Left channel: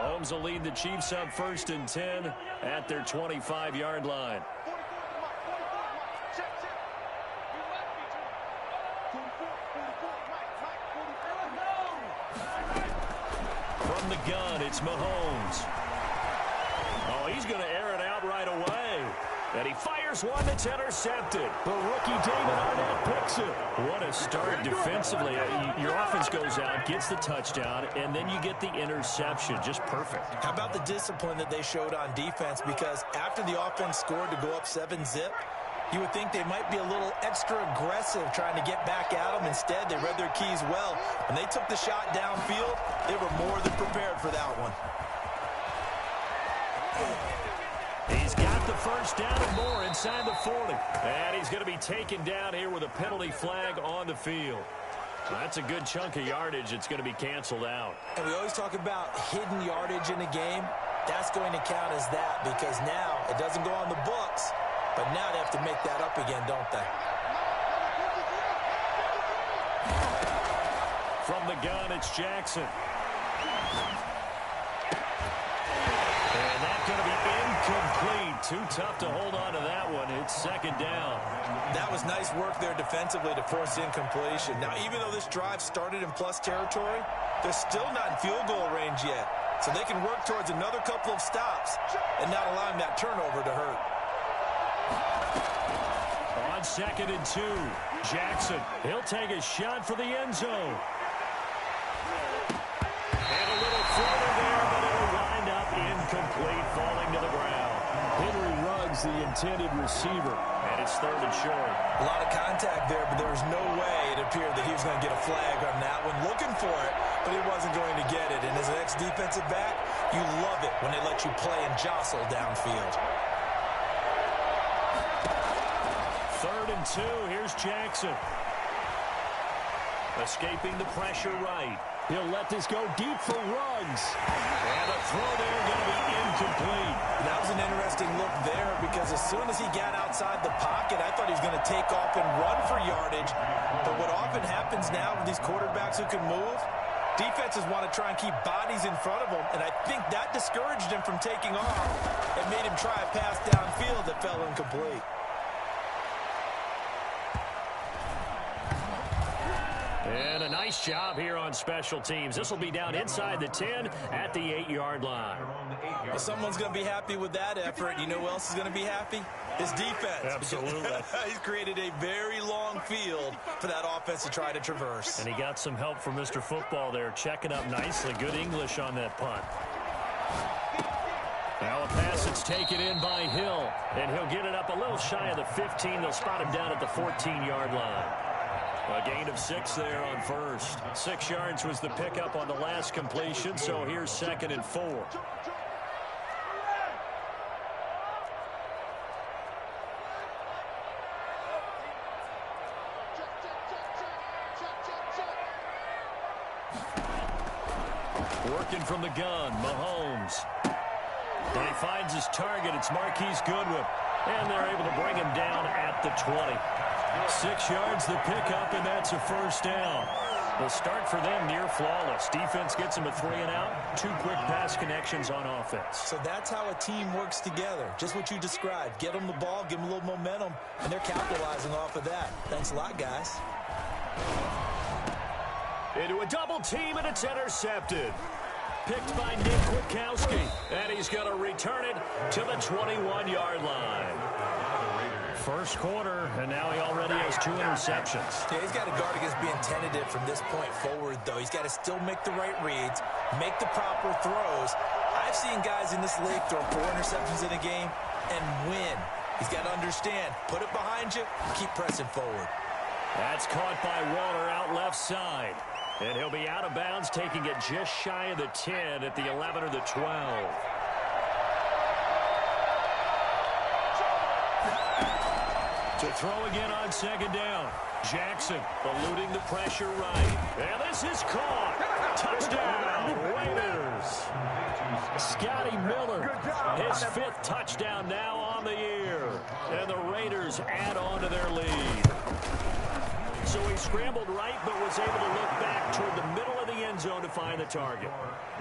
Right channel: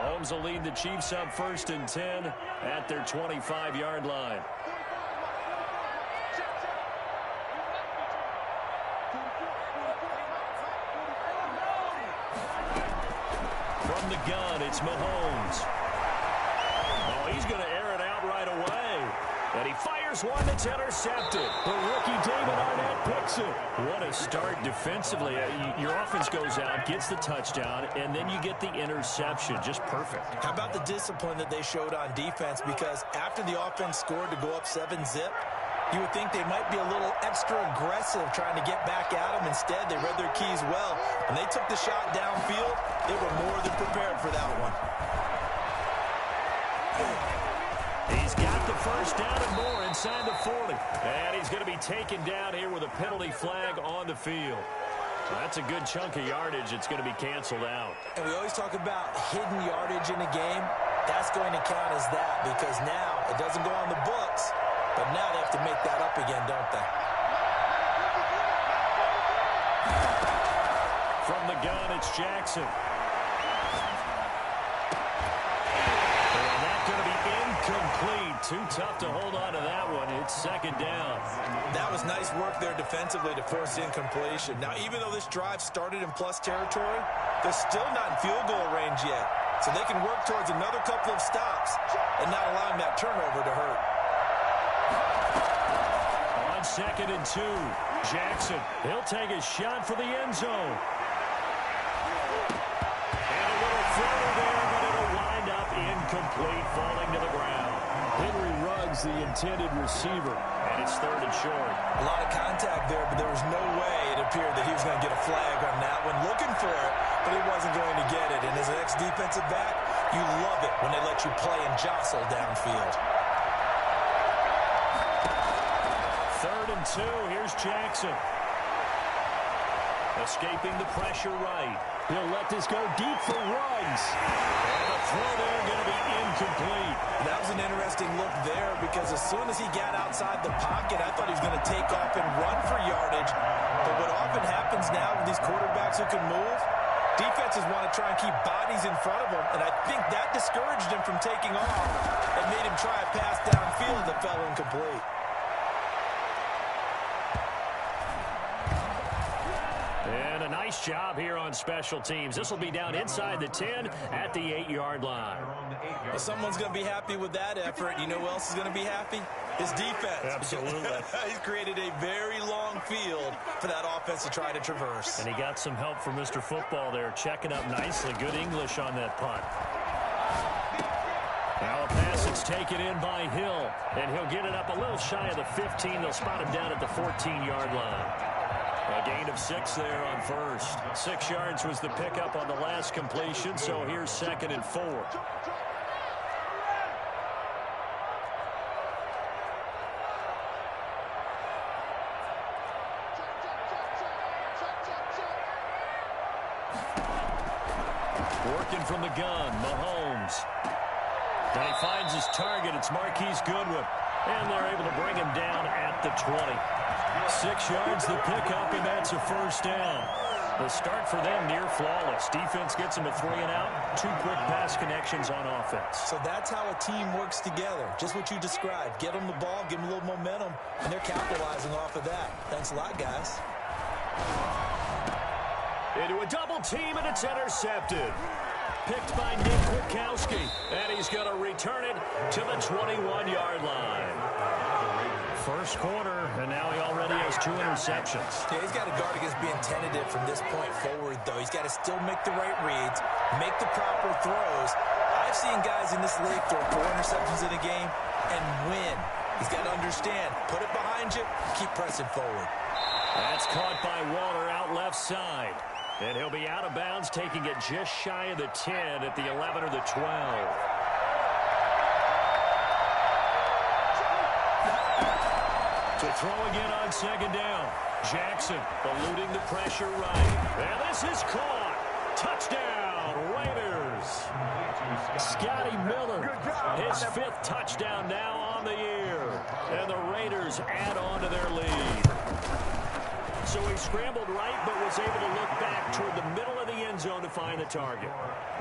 Mahomes will lead the Chiefs up 1st and 10 at their 25-yard line. From the gun, it's Mahomes. Oh, he's going to air it out right away. And he fires one that's intercepted. The rookie David Arnett picks it. What a start defensively. Your offense goes out, gets the touchdown, and then you get the interception. Just perfect. How about the discipline that they showed on defense? Because after the offense scored to go up 7-zip, you would think they might be a little extra aggressive trying to get back at them. Instead, they read their keys well. When they took the shot downfield, they were more than prepared for that one. He's got the first down and more inside the 40. And he's going to be taken down here with a penalty flag on the field. That's a good chunk of yardage. It's going to be canceled out. And we always talk about hidden yardage in a game. That's going to count as that because now it doesn't go on the books, but now they have to make that up again, don't they? From the gun, it's Jackson. And that's going to be incomplete. Too tough to hold on to that one. It's 2nd down. That was nice work there defensively to force incompletion. Now, even though this drive started in plus territory, they're still not in field goal range yet. So they can work towards another couple of stops and not allowing that turnover to hurt. On 2nd and 2, Jackson. He'll take a shot for the end zone. And a little floater there, but it'll wind up incomplete, falling to the ground. Henry Ruggs, the intended receiver, and it's 3rd and short. A lot of contact there, but there was no way it appeared that he was going to get a flag on that one. Looking for it, but he wasn't going to get it. And as an ex-defensive back, you love it when they let you play and jostle downfield. 3rd and 2, here's Jackson. Escaping the pressure right. He'll let this go deep for Ruggs. And the throw there going to be incomplete. That was an interesting look there because as soon as he got outside the pocket, I thought he was going to take off and run for yardage. But what often happens now with these quarterbacks who can move, defenses want to try and keep bodies in front of them, and I think that discouraged him from taking off and made him try a pass downfield that fell incomplete. And a nice job here on special teams. This will be down inside the 10 at the 8-yard line. Well, someone's going to be happy with that effort. You know who else is going to be happy? His defense. Absolutely. He's created a very long field for that offense to try to traverse. And he got some help from Mr. Football there, checking up nicely. Good English on that punt. Now a pass that's taken in by Hill, and he'll get it up a little shy of the 15. They'll spot him down at the 14-yard line. A gain of 6 there on first. 6 yards was the pickup on the last completion, so here's 2nd and 4. Working from the gun, Mahomes. And he finds his target. It's Marquise Goodwin. And they're able to bring him down at the 20. 6 yards the pickup, and that's a 1st down. The start for them near flawless. Defense gets them a 3-and-out. 2 quick pass connections on offense. So that's how a team works together. Just what you described. Get them the ball, give them a little momentum, and they're capitalizing off of that. Thanks a lot, guys. Into a double team, and it's intercepted. Picked by Nick Kwiatkowski, and he's going to return it to the 21-yard line. First quarter, and now he already has 2 interceptions. Yeah, he's got to guard against being tentative from this point forward, though. He's got to still make the right reads, make the proper throws. I've seen guys in this league throw 4 interceptions in a game and win. He's got to understand, put it behind you, keep pressing forward. That's caught by Waller out left side. And he'll be out of bounds, taking it just shy of the 10 at the 11 or the 12. To throw again on 2nd down. Jackson eluding the pressure right. And this is caught. Touchdown, Raiders. Scotty Miller, his 5th touchdown now on the year. And the Raiders add on to their lead. So he scrambled right, but was able to look back toward the middle of the end zone to find the target.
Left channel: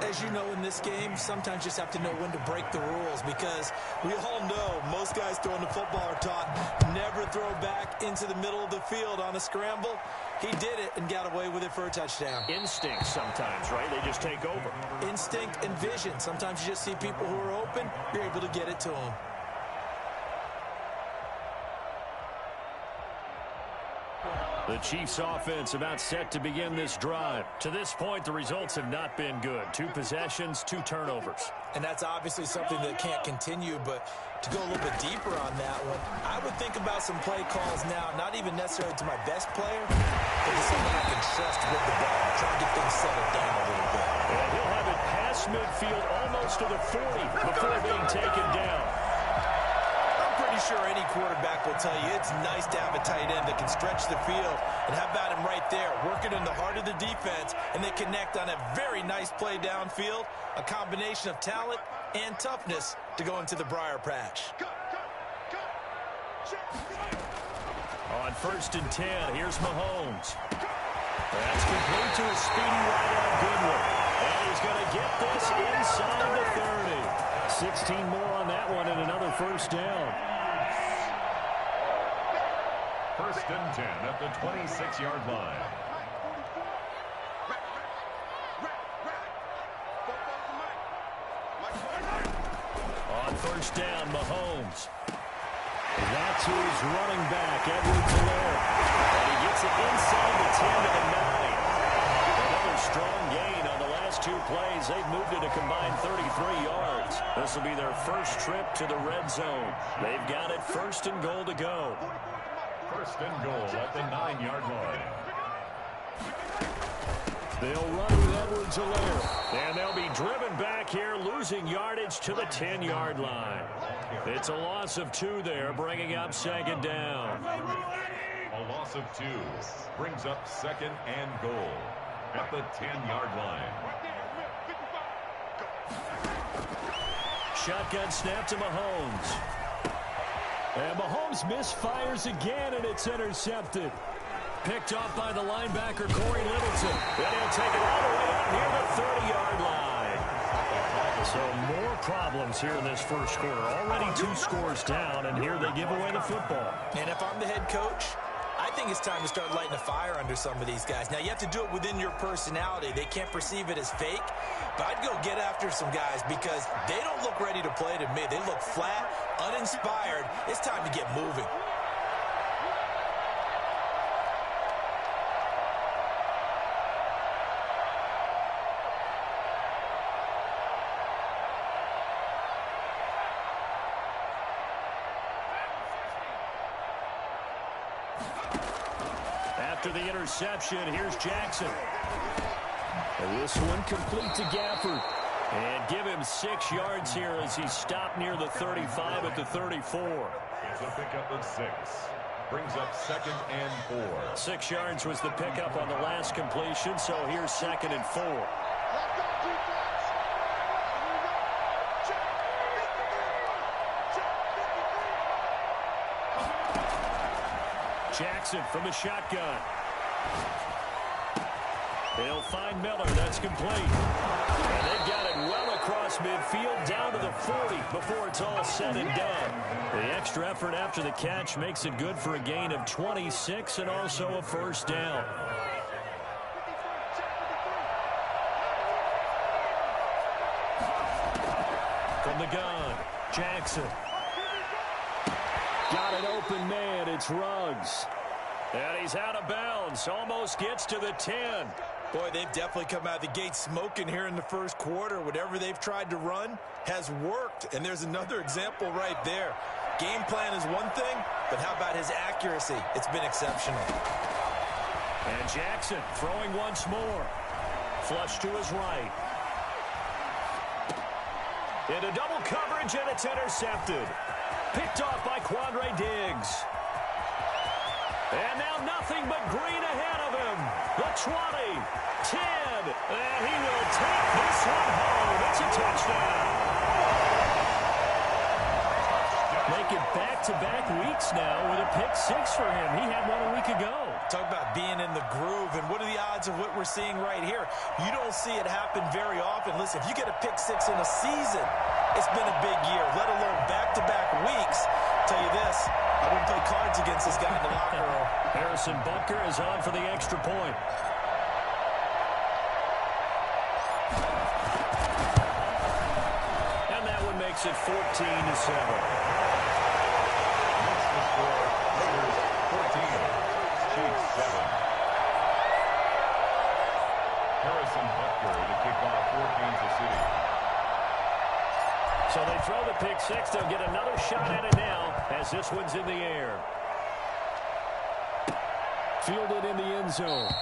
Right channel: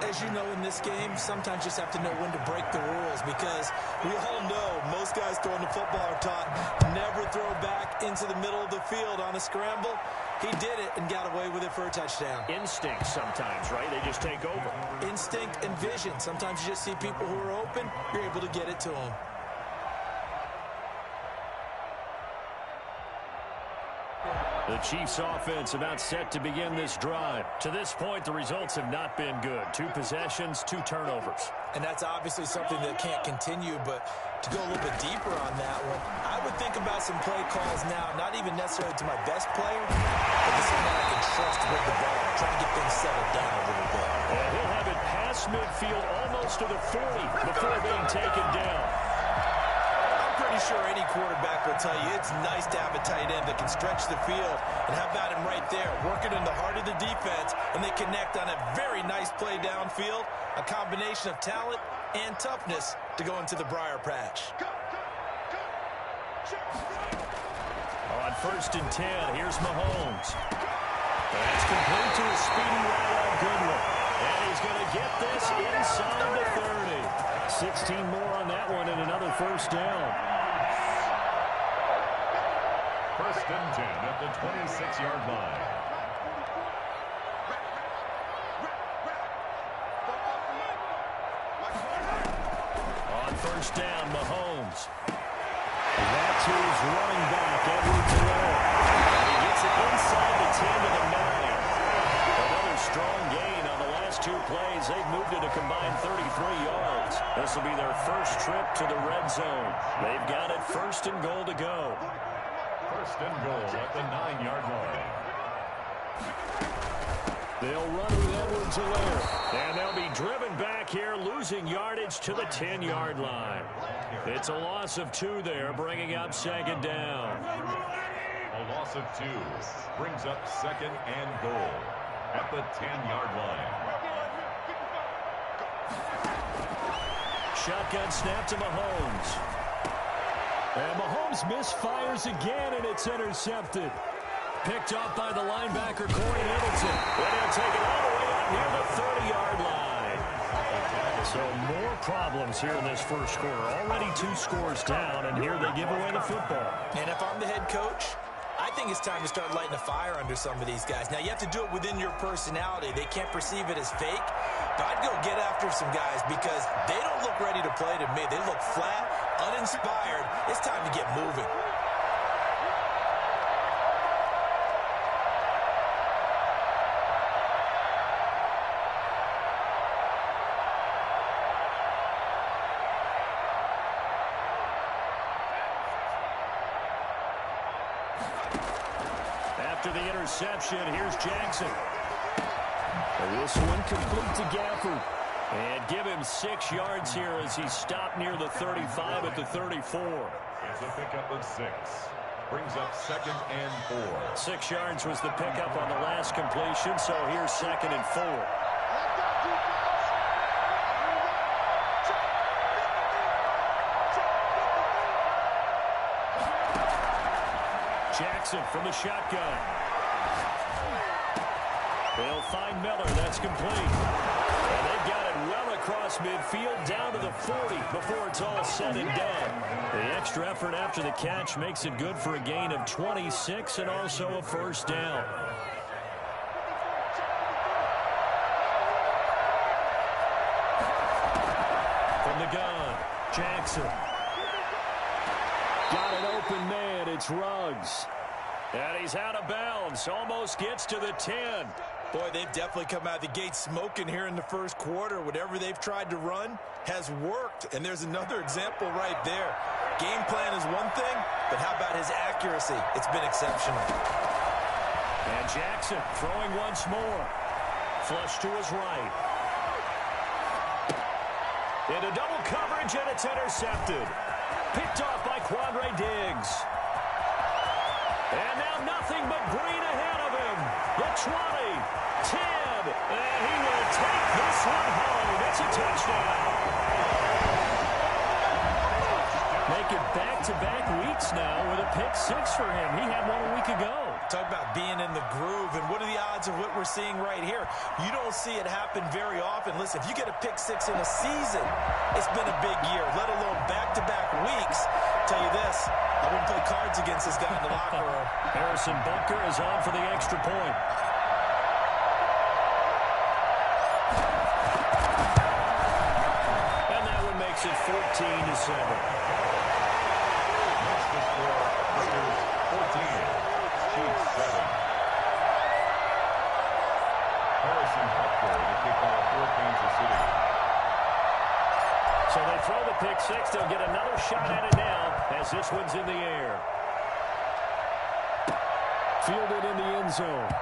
As you know, in this game, sometimes you just have to know when to break the rules, because we all know most guys throwing the football are taught never throw back into the middle of the field on a scramble. He did it and got away with it for a touchdown. Instinct sometimes, right? They just take over. Instinct and vision. Sometimes you just see people who are open, you're able to get it to them. The Chiefs offense about set to begin this drive. To this point, the results have not been good. 2 possessions, 2 turnovers. And that's obviously something that can't continue, but to go a little bit deeper on that one, I would think about some play calls now, not even necessarily to my best player, but to someone I can trust with the ball, trying to get things settled down a little bit. And he'll have it past midfield almost to the 40 before being taken down. Pretty sure any quarterback will tell you it's nice to have a tight end that can stretch the field. And how about him right there, working in the heart of the defense, and they connect on a very nice play downfield, a combination of talent and toughness to go into the briar patch. On 1st and 10, here's Mahomes. That's complete to his speedy wideout Goodwin. And he's going to get this inside the 30. 16 more on that one and another first down. 1st and 10 at the 26-yard line. On 1st down, Mahomes. That's his running back, Edwards-Helaire. And he gets it inside the 10 to the 9. Another strong gain on the last 2 plays. They've moved it a combined 33 yards. This will be their first trip to the red zone. They've got it 1st and goal to go. 1st and goal at the 9-yard line. They'll run with Edwards-Helaire. And they'll be driven back here, losing yardage to the 10-yard line. It's a loss of 2 there, bringing up 2nd down. A loss of 2 brings up 2nd and goal at the 10-yard line. Shotgun snap to Mahomes. And Mahomes misfires again, and it's intercepted. Picked off by the linebacker, Corey Littleton. And he'll take it all the way up near the 30-yard line. So more problems here in this first quarter. Already 2 scores down, and here they give away the football. And if I'm the head coach, I think it's time to start lighting a fire under some of these guys. Now, you have to do it within your personality. They can't perceive it as fake. But I'd go get after some guys because they don't look ready to play to me. They look flat, uninspired. It's time to get moving. After the interception, here's Jackson. And this one complete to Gafford. And give him 6 yards here as he stopped near the 35 at the 34. It's a pickup of 6. Brings up 2nd and 4. 6 yards was the pickup on the last completion, so here's 2nd and 4. Jackson from the shotgun. They'll find Miller. That's complete. And they've got it well across midfield down to the 40 before it's all said and done. The extra effort after the catch makes it good for a gain of 26 and also a first down. From the gun, Jackson. Got an open man. It's Ruggs. And he's out of bounds. Almost gets to the 10. Boy, they've definitely come out of the gate smoking here in the first quarter. Whatever they've tried to run has worked. And there's another example right there. Game plan is one thing, but how about his accuracy? It's been exceptional. And Jackson throwing once more. Flush to his right. Into double coverage, and it's intercepted. Picked off by Quandre Diggs. And now nothing but green ahead of him. The 20, 10, and he will take this one home. It's a touchdown. Make it back-to-back weeks now with a pick-6 for him. He had one a week ago. Talk about being in the groove, and what are the odds of what we're seeing right here? You don't see it happen very often. Listen, if you get a pick-6 in a season, it's been a big year, let alone back-to-back weeks. Tell you this, I wouldn't play cards against this guy in the locker room. Harrison Butker is on for the extra point. And that one makes it 14-7. The score, Raiders 14, Chiefs 7. Harrison Butker to kick off for Kansas City. So they throw the pick-6. They'll get another shot at it now as this one's in the air. Fielded in the end zone.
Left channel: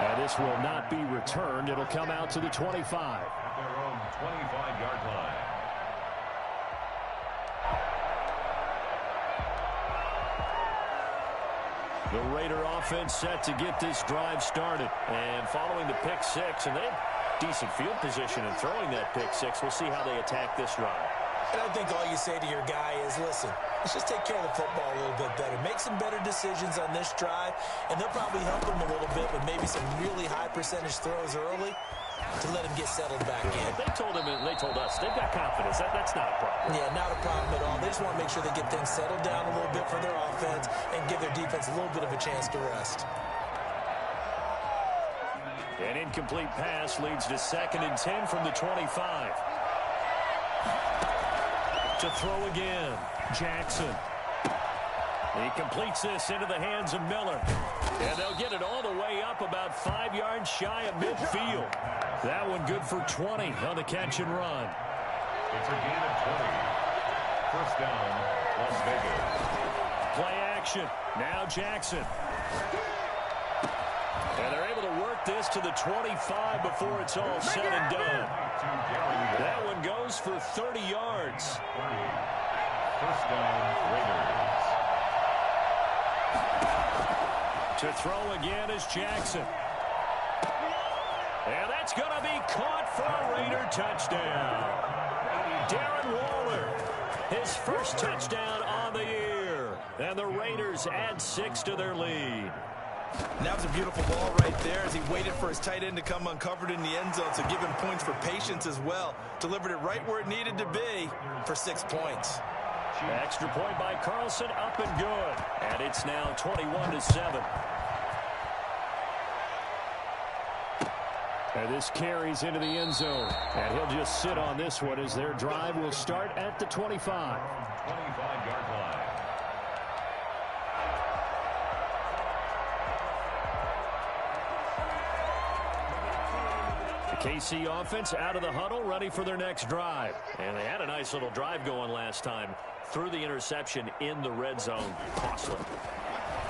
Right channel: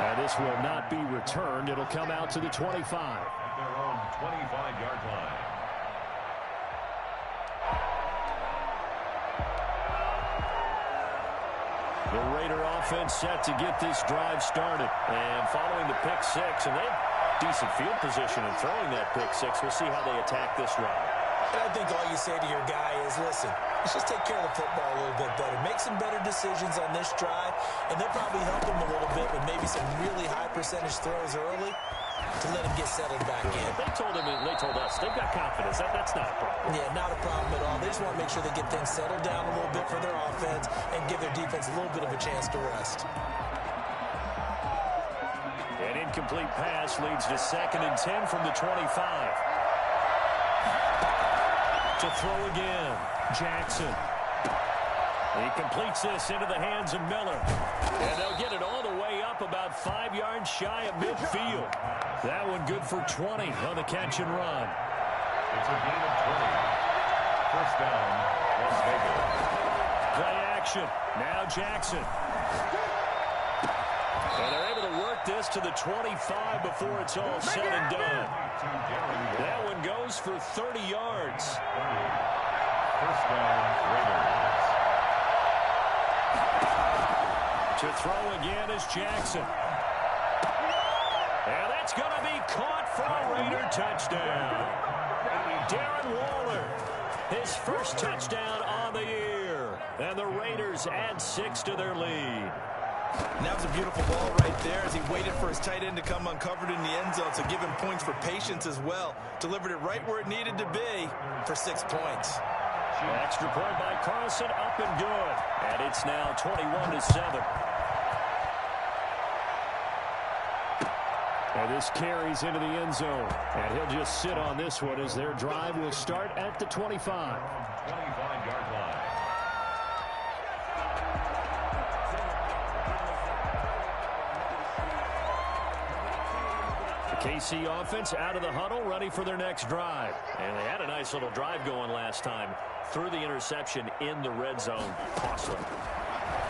And this will not be returned. It'll come out to the 25. At their own 25-yard line. The Raider offense set to get this drive started. And following the pick-6, and they have decent field position in throwing that pick-6. We'll see how they attack this drive. And I think all you say to your guy is, listen, let's just take care of the football a little bit better. Make some better decisions on this drive, and they'll probably help him a little bit with maybe some really high percentage throws early to let him get settled back in. They told him, and they told us, they've got confidence. That's not a problem. Yeah, not a problem at all. They just want to make sure they get things settled down a little bit for their offense and give their defense a little bit of a chance to rest. An incomplete pass leads to 2nd and 10 from the 25. To throw again, Jackson. He completes this into the hands of Miller. And they'll get it all the way up about 5 yards shy of midfield. That one good for 20 on the catch and run. It's a gain of 20. First down, Las Vegas. Play action. Now Jackson. And they're able to work this to the 25 before it's all said and done. That one goes for 30 yards. First down, Raiders. To throw again is Jackson. And that's going to be caught for a Raider touchdown. Darren Waller, his first touchdown on the year. And the Raiders add 6 to their lead. And that was a beautiful ball right there as he waited for his tight end to come uncovered in the end zone, so give him points for patience as well. Delivered it right where it needed to be for 6 points. Extra point by Carlson, up and good. And it's now 21-7. And this carries into the end zone. And he'll just sit on this one as their drive will start at the 25. 25-yard line. KC offense out of the huddle, ready for their next drive. And they had a nice little drive going last time. Threw the interception in the red zone. Costly.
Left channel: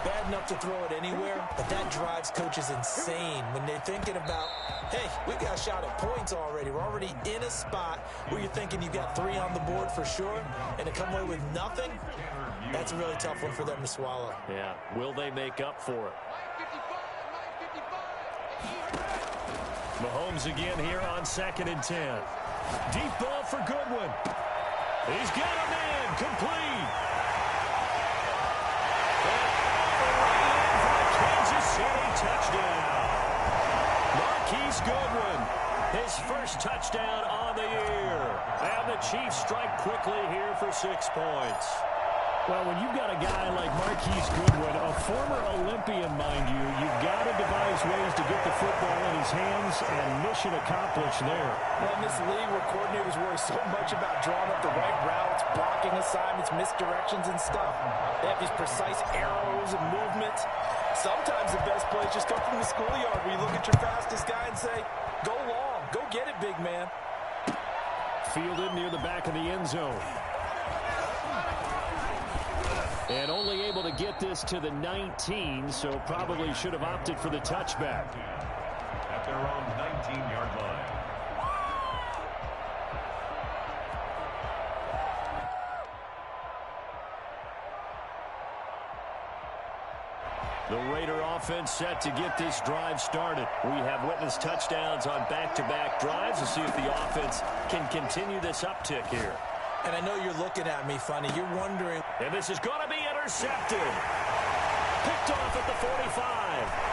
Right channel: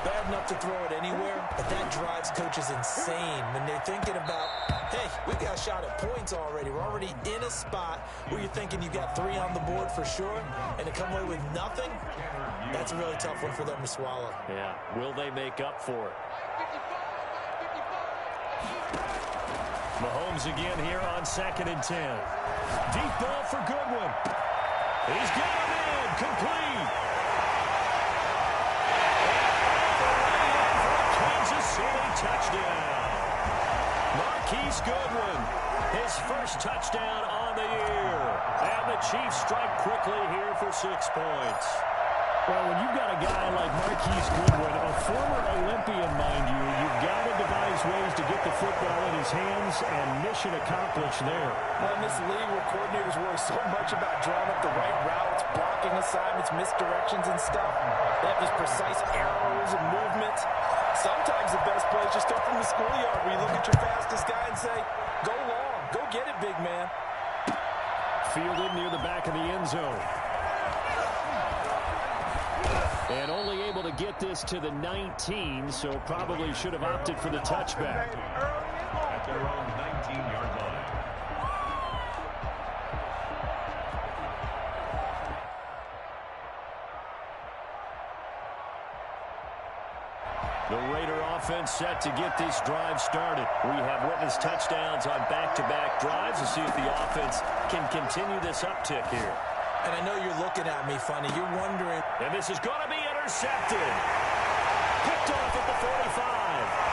Bad enough to throw it anywhere, but that drives coaches insane when they're thinking about, hey, we got a shot at points already. We're already in a spot where you're thinking you got 3 on the board for sure, and to come away with nothing, that's a really tough one for them to swallow. Yeah, will they make up for it? Mahomes again here on 2nd and 10. Deep ball for Goodwin. He's got him in. Complete. And all the way in for a Kansas City touchdown. Marquise Goodwin, his first touchdown on the year. And the Chiefs strike quickly here for 6 points. Well, when you've got a guy like Marquise Goodwin, a former Olympian, mind you, you've got to devise ways to get the football in his hands, and mission accomplished there. Well, in this league where coordinators worry so much about drawing up the right routes, blocking assignments, misdirections and stuff, they have these precise arrows and movements. Sometimes the best plays just come from the schoolyard where you look at your fastest guy and say, go long, go get it, big man. Fielded near the back of the end zone. And only able to get this to the 19, so probably should have opted for the touchback. At their own 19-yard line. The Raider offense set to get this drive started. We have witnessed touchdowns on back-to-back drives. We'll see if the offense can continue this uptick here. And I know you're looking at me funny. You're wondering. And this is going to be intercepted. Picked off at the 45.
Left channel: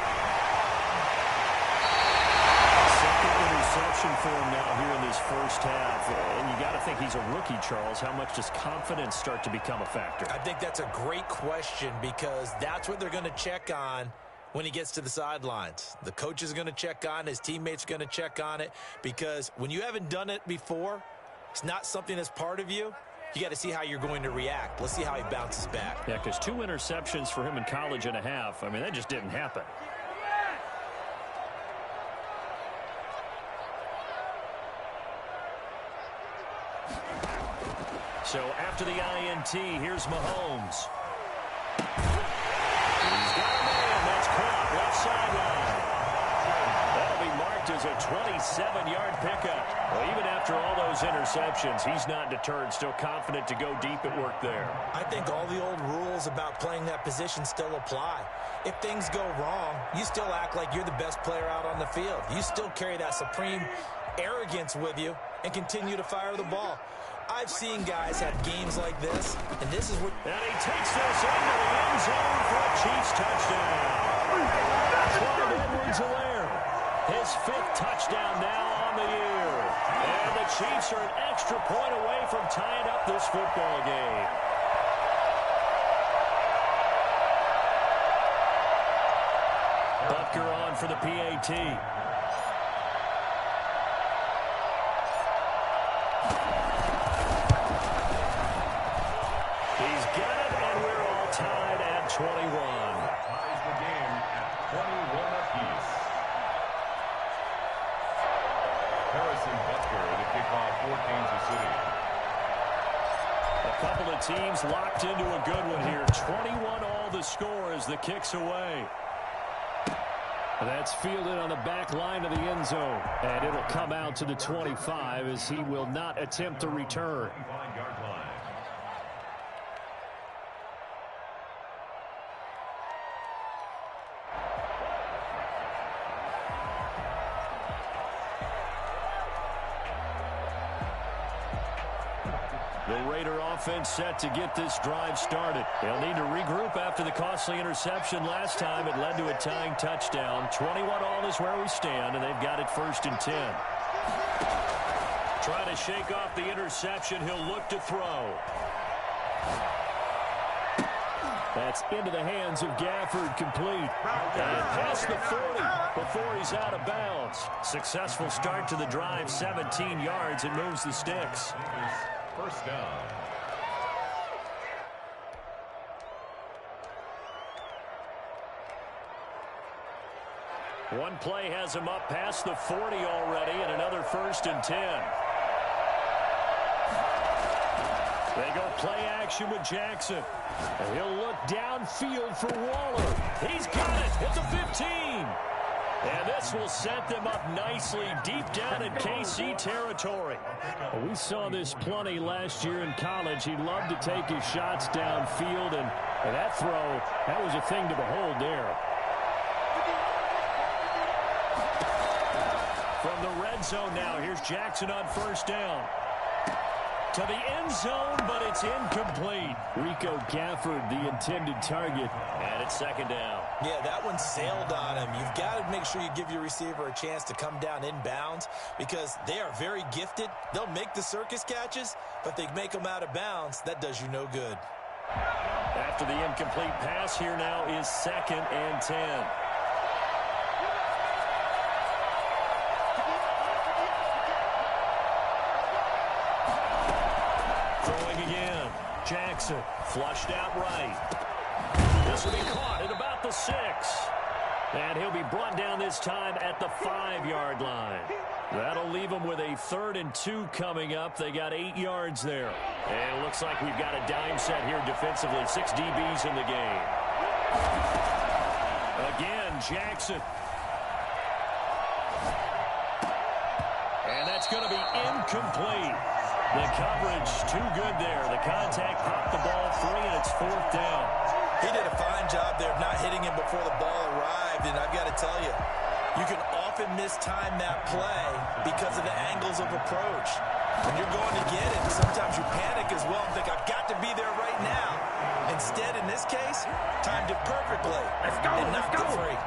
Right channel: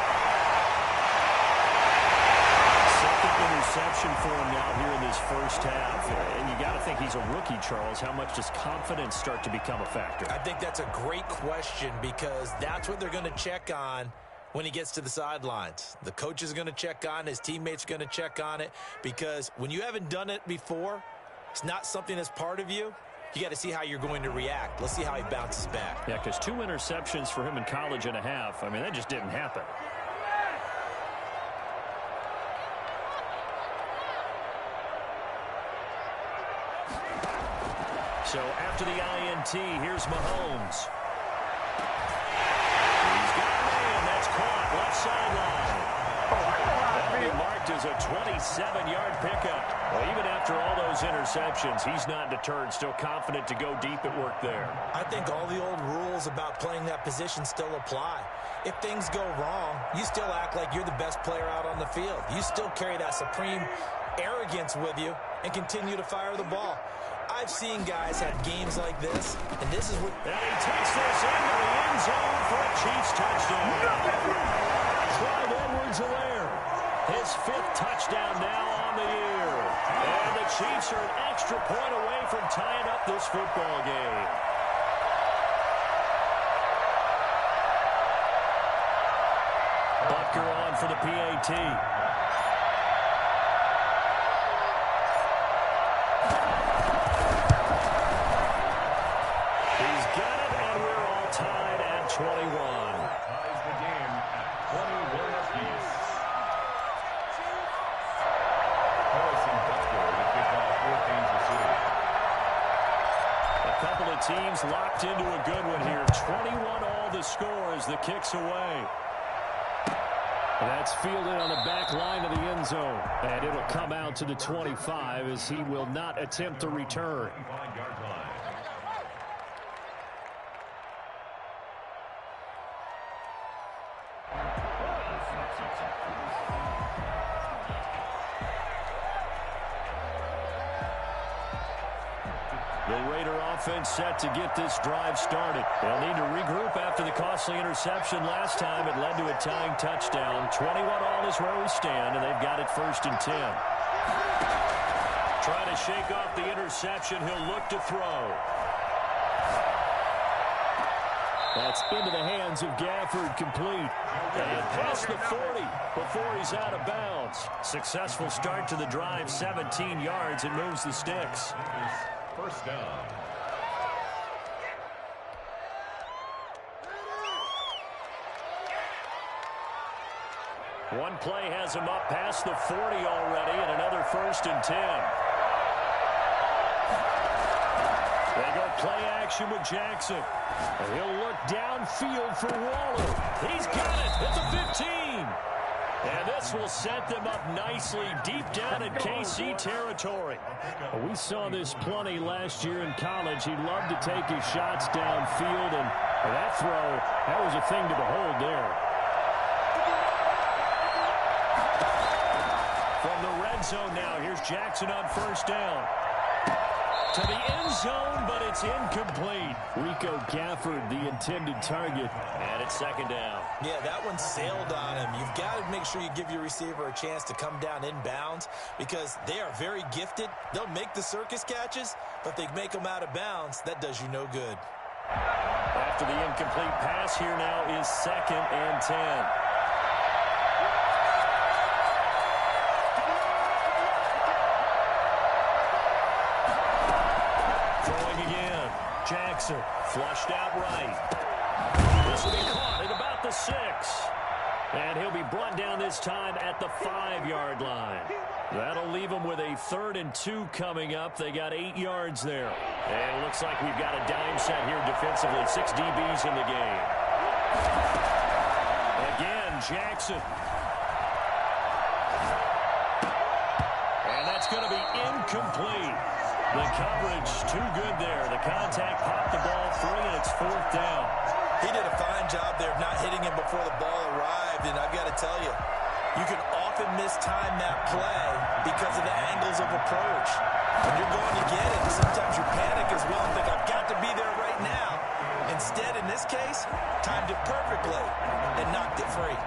Second interception for him now here in this first half. And you got to think he's a rookie, Charles. How much does confidence start to become a factor? I think that's a great question because that's what they're going to check on when he gets to the sidelines. The coach is going to check on, his teammates are going to check on it, because when you haven't done it before, it's not something that's part of you. You got to see how you're going to react. Let's see how he bounces back. Yeah, because 2 interceptions for him in college and a half. I mean, that just didn't happen. So after the INT, here's Mahomes. He's got a man. That's caught. Left sideline. That'll be marked as a 27-yard pickup. Well, even after all those interceptions, he's not deterred. Still confident to go deep at work there. I think all the old rules about playing that position still apply. If things go wrong, you still act like you're the best player out on the field. You still carry that supreme arrogance with you and continue to fire the ball. I've seen guys have games like this, and this is what... And he takes this into the end zone for a Chiefs touchdown. Clyde Edwards-Helaire, his 5th touchdown now on the year. And the Chiefs are an extra point away from tying up this football game. Butker on for the PAT. He's got it, and we're all tied at 21. Ties the game at 21 apiece. Harrison Butker to kick off for Kansas City. A couple of teams locked into a good one here. 21 all the score as the kick's away. That's fielded on the back line of the end zone. And it'll come out to the 25 as he will not attempt to return. 25-yard line. The Raider offense set to get this drive started. They'll need to regroup after the costly interception last time. It led to a tying touchdown. 21 all is where we stand, and they've got it 1st and 10. Trying to shake off the interception. He'll look to throw. That's into the hands of Gafford, complete. And past the 40 before he's out of bounds. Successful start to the drive, 17 yards, and moves the sticks. First down. One play has him up past the 40 already, and another 1st and 10. They go play action with Jackson. And he'll look downfield for Waller. He's got it at the 15. And this will set them up nicely deep down in KC territory. We saw this plenty last year in college. He loved to take his shots downfield, and that throw, that was a thing to behold there. From the red zone now, here's Jackson on 1st down. To the end zone, but it's incomplete. Rico Gafford, the intended target. And it's 2nd down. Yeah, that one sailed on him. You've got to make sure you give your receiver a chance to come down inbounds because they are very gifted. They'll make the circus catches, but they make them out of bounds. That does you no good. After the incomplete pass, here now is 2nd and 10. Throwing again. Jackson flushed out right. This will be caught at about the 6. And he'll be brought down this time at the 5-yard line. That'll leave them with a 3rd and 2 coming up. They got 8 yards there. And it looks like we've got a dime set here defensively. 6 DBs in the game. Again, Jackson. And that's going to be incomplete. The coverage too good there. The contact popped the ball free, and it's 4th down. He did a fine job there of not hitting him before the ball arrived, and I've got to tell you, you can often mistime that play because of the angles of approach. When you're going to get it, sometimes you panic as well and think, I've got to be there right now. Instead, in this case, timed it perfectly and knocked it free.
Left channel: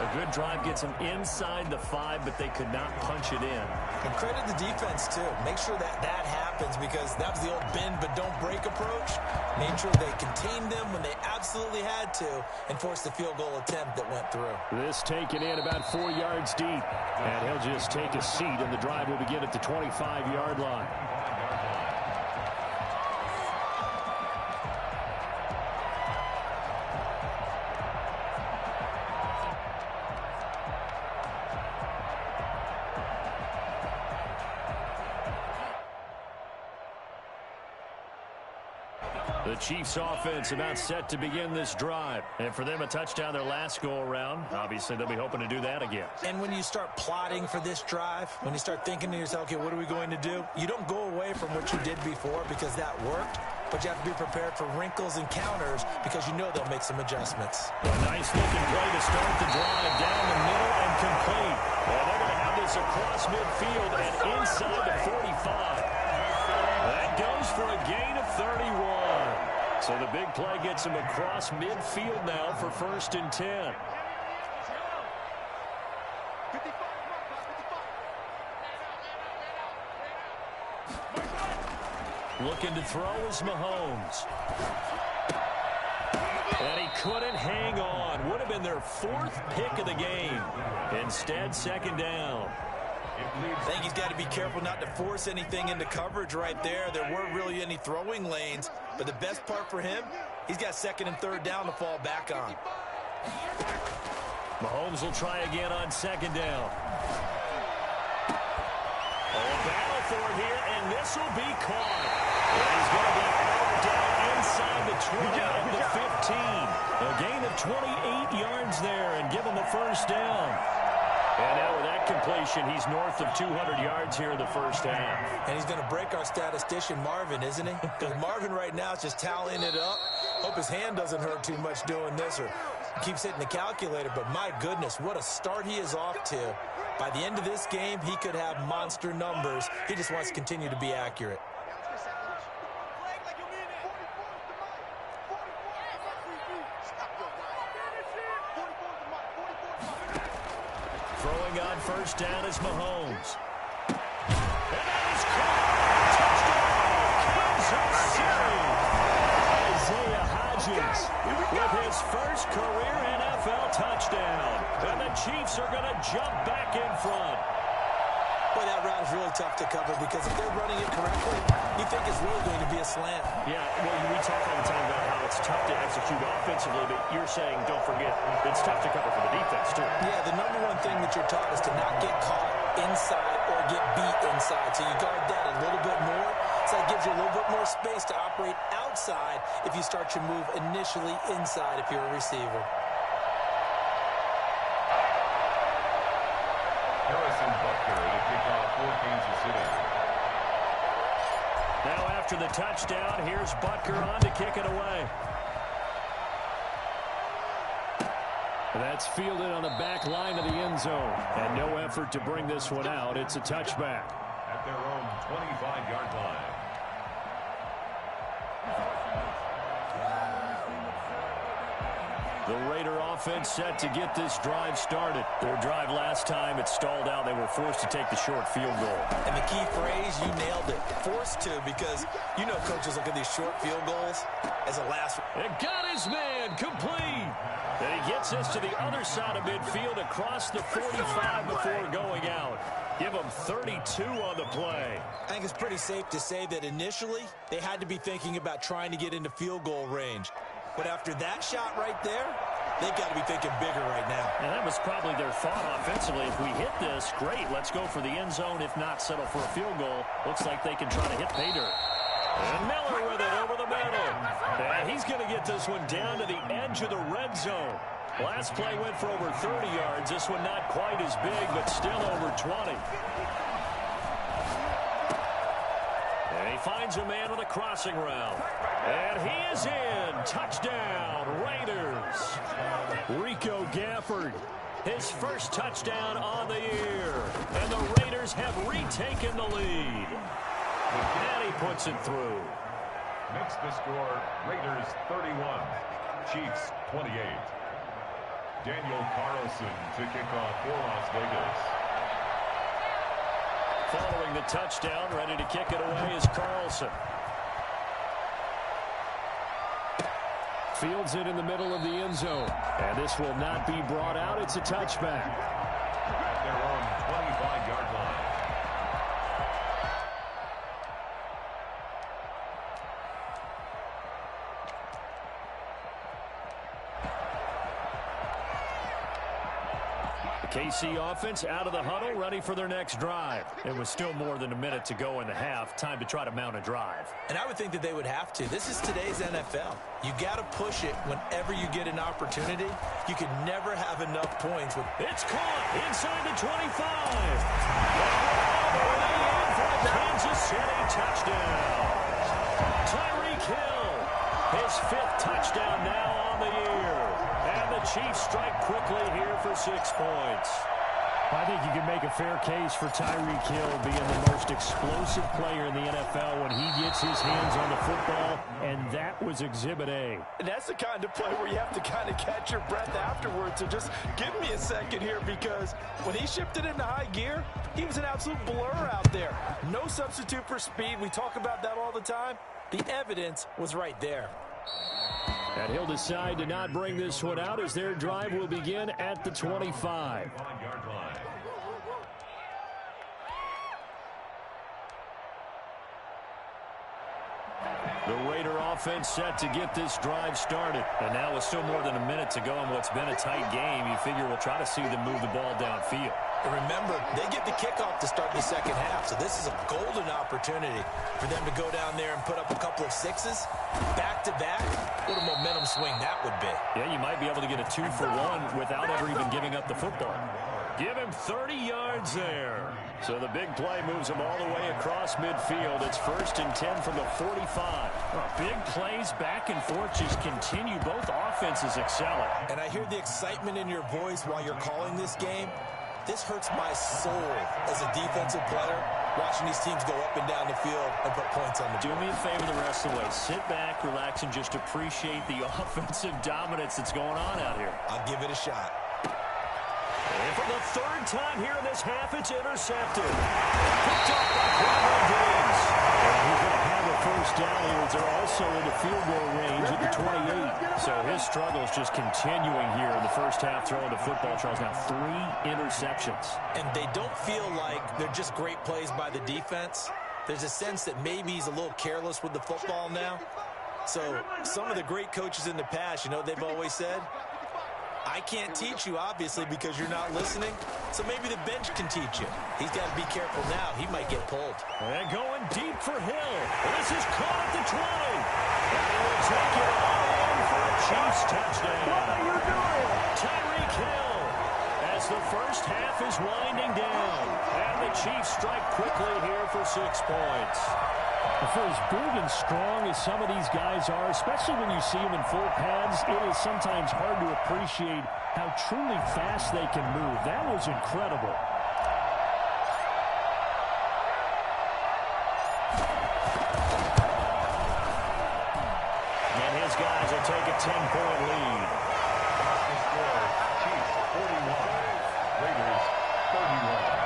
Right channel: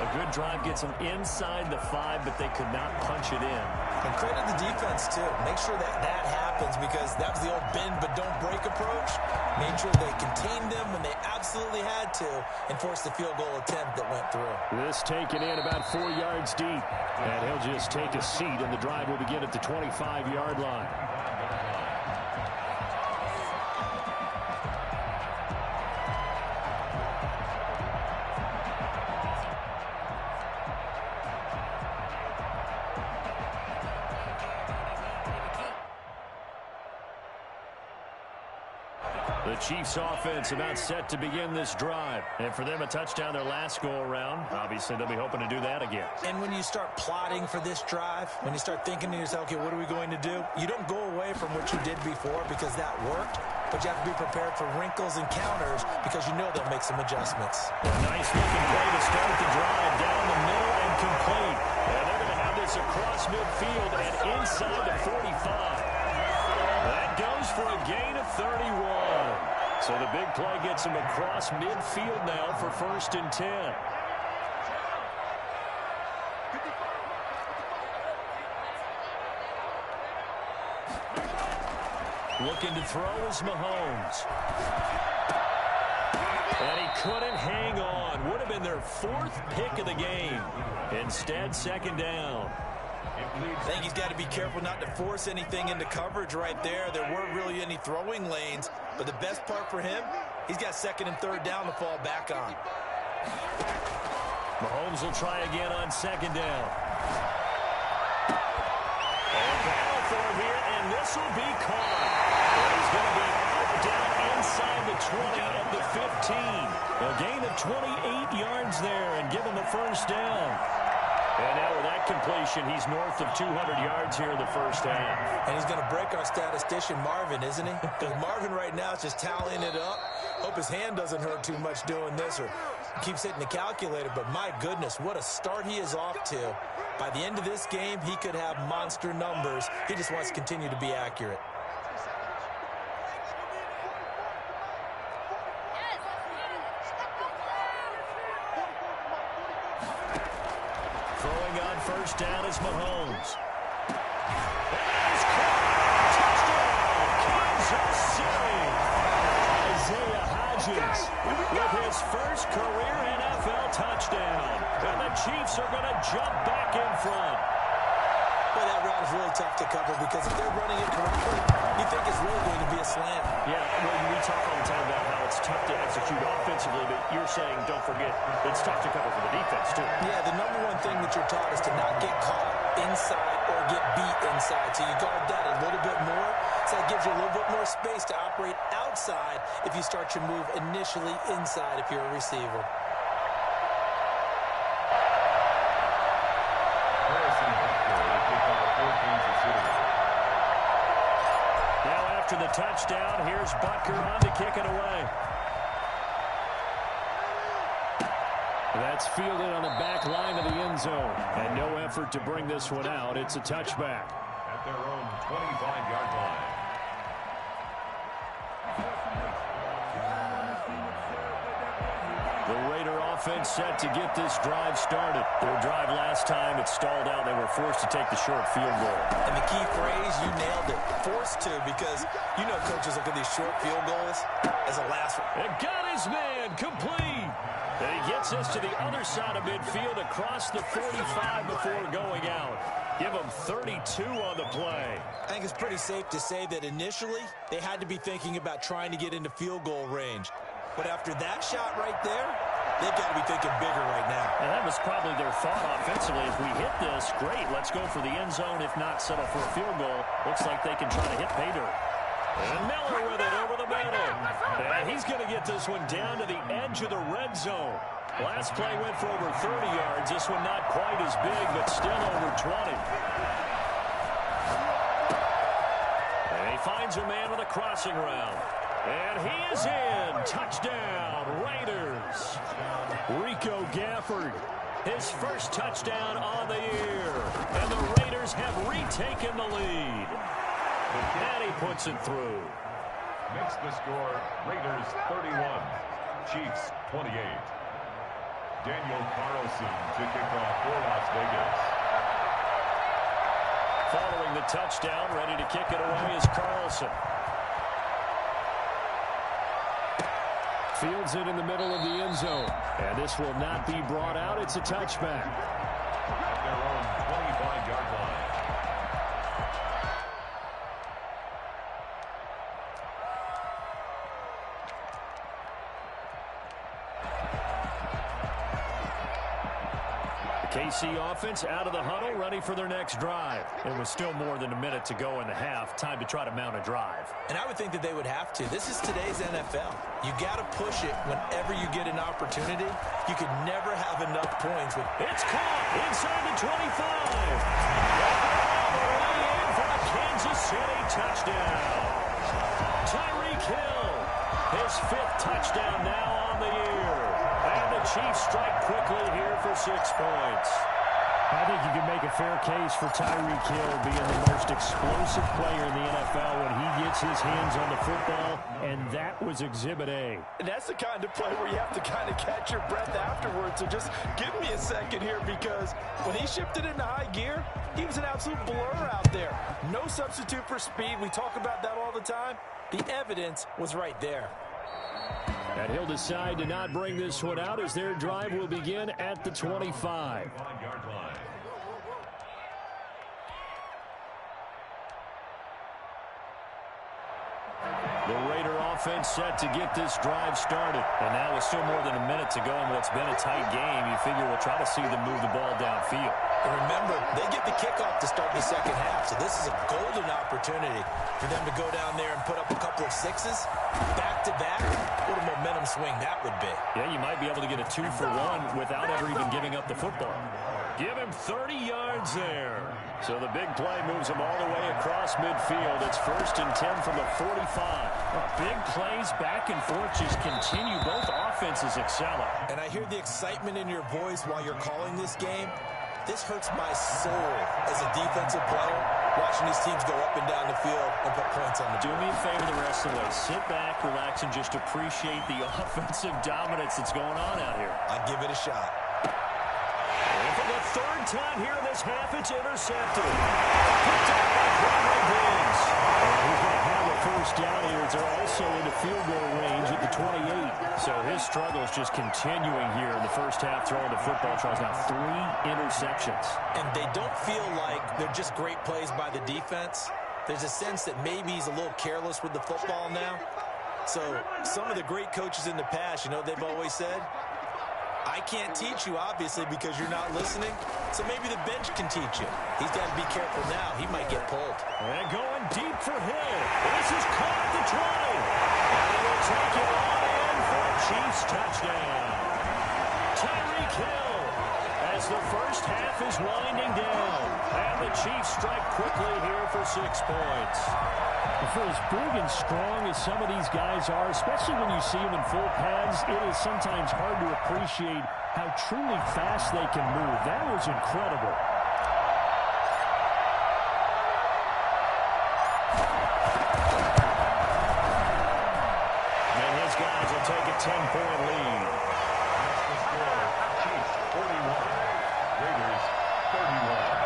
A good drive gets them inside the 5, but they could not punch it in. And credit the defense, too. Make sure that that happens because that was the old bend but don't break approach. Made sure they contained them when they absolutely had to and forced the field goal attempt that went through. This taken in about 4 yards deep. And he'll just take a seat, and the drive will begin at the 25-yard line. The Chiefs offense about set to begin this drive. And for them, a touchdown their last go-around. Obviously, they'll be hoping to do that again. And when you start plotting for this drive, when you start thinking to yourself, okay, what are we going to do? You don't go away from what you did before because that worked. But you have to be prepared for wrinkles and counters because you know they'll make some adjustments. A nice-looking play to start the drive down the middle and complete. And they're going to have this across midfield and inside the 45. That goes for a gain of 31. So the big play gets him across midfield now for 1st and 10. Looking to throw is Mahomes. And he couldn't hang on. Would have been their 4th pick of the game. Instead, 2nd down. I think he's got to be careful not to force anything into coverage right there. There weren't really any throwing lanes. But the best part for him, he's got 2nd and 3rd down to fall back on. Mahomes will try again on 2nd down. A battle for it here, and this will be caught. And he's going to be out down inside the 20 at the 15. A gain of 28 yards there and give him a 1st down. And now with that completion, he's north of 200 yards here in the 1st half. And he's going to break our statistician, Marvin, isn't he? Because Marvin right now is just tallying it up. Hope his hand doesn't hurt too much doing this or keeps hitting the calculator. But my goodness, what a start he is off to. By the end of this game, he could have monster numbers. He just wants to continue to be accurate. Throwing on 1st down is Mahomes. And that is caught. Touchdown, Kansas City. Isaiah Hodgins with his 1st career NFL touchdown. And the Chiefs are going to jump back in front. Boy, that route is really tough to cover because if they're running it correctly, you think it's really going to be a slant. Yeah, well, we talk all the time about how it's tough to execute offensively, but you're saying, don't forget, it's tough to cover for the defense, too. Yeah, the number one thing that you're taught is to not get caught inside or get beat inside. So you guard that a little bit more. So that gives you a little bit more space to operate outside if you start your move initially inside if you're a receiver. Harrison Butker to kick off for Kansas City. Now after the touchdown, here's Butker on to kick it away. That's fielded on the back line of the end zone. And no effort to bring this one out. It's a touchback. At their own 25-yard line. The Raider offense set to get this drive started. Their drive last time, it stalled out. They were forced to take the short field goal. And the key phrase, you nailed it, forced to, because you know coaches look at these short field goals as a last one. It got his man complete. And he gets us to the other side of midfield across the 45 before going out. Give them 32 on the play. I think it's pretty safe to say that initially they had to be thinking about trying to get into field goal range. But after that shot right there, they've got to be thinking bigger right now. And that was probably their thought offensively. If we hit this, great. Let's go for the end zone. If not, settle for a field goal. Looks like they can try to hit pay dirt. And Miller with it over the middle. And he's going to get this one down to the edge of the red zone. Last play went for over 30 yards. This one not quite as big, but still over 20. And he finds a man with a crossing route. And he is in. Touchdown, Raiders. Rico Gafford His first touchdown on the year. And the Raiders have retaken the lead. And he puts it through. Makes the score Raiders 31, Chiefs 28. Daniel Carlson to kick off for Las Vegas. Following the touchdown, ready to kick it away is Carlson. Fields it in the middle of the end zone. And this will not be brought out. It's a touchback. At their own 25-yard line. KC offense out of the huddle, ready for their next drive. It was still more than a minute to go in the half. Time to try to mount a drive. And I would think that they would have to. This is today's NFL. You got to push it whenever you get an opportunity. You can never have enough points. It's caught inside the 25. All the way in for a Kansas City touchdown. Tyreek Hill, his 5th touchdown now on the year. And the Chiefs strike quickly here for 6 points. I think you can make a fair case for Tyreek Hill being the most explosive player in the NFL when he gets his hands on the football, and that was Exhibit A. And that's the kind of play where you have to kind of catch your breath afterwards. So just give me a second here, because when he shifted into high gear, he was an absolute blur out there. No substitute for speed. We talk about that all the time. The evidence was right there. And he'll decide to not bring this one out as their drive will begin at the 25. The Raider offense set to get this drive started. And now with still more than a minute to go in what's been a tight game, you figure we'll try to see them move the ball downfield. And remember, they get the kickoff to start the second half, so this is a golden opportunity for them to go down there and put up a couple of sixes back-to-back. What a momentum swing that would be. Yeah, you might be able to get a 2-for-1 without ever even giving up the football. Give him 30 yards there. So the big play moves him all the way across midfield. It's 1st and 10 from the 45. Big plays back and forth just continue. Both offenses excelling. And I hear the excitement in your voice while you're calling this game. This hurts my soul as a defensive player, watching these teams go up and down the field and put points on the board. Do me a favor the rest of the way. Sit back, relax, and just appreciate the offensive dominance that's going on out here. I'll give it a shot. And for the 3rd time here in this half, it's intercepted. Picked off by Quandre Diggs. And he's going to have a first down here as they're also into field goal range at the 28. So his struggles just continuing here in the first half, throwing the football. Charles, now 3 interceptions. And they don't feel like they're just great plays by the defense. There's a sense that maybe he's a little careless with the football now. So some of the great coaches in the past, you know, they've always said, I can't teach you, obviously, because you're not listening. So maybe the bench can teach you. He's got to be careful now. He might get pulled. And going deep for Hill. This is caught at the 20. And he will take it all in for a Chiefs touchdown. Tyreek Hill as the first half is winding down. And the Chiefs strike quickly here for 6 points. For as big and strong as some of these guys are, especially when you see them in full pads, it is sometimes hard to appreciate how truly fast they can move. That was incredible. And his guys will take a 10-point lead. That's the score. Chiefs 41, Raiders 31.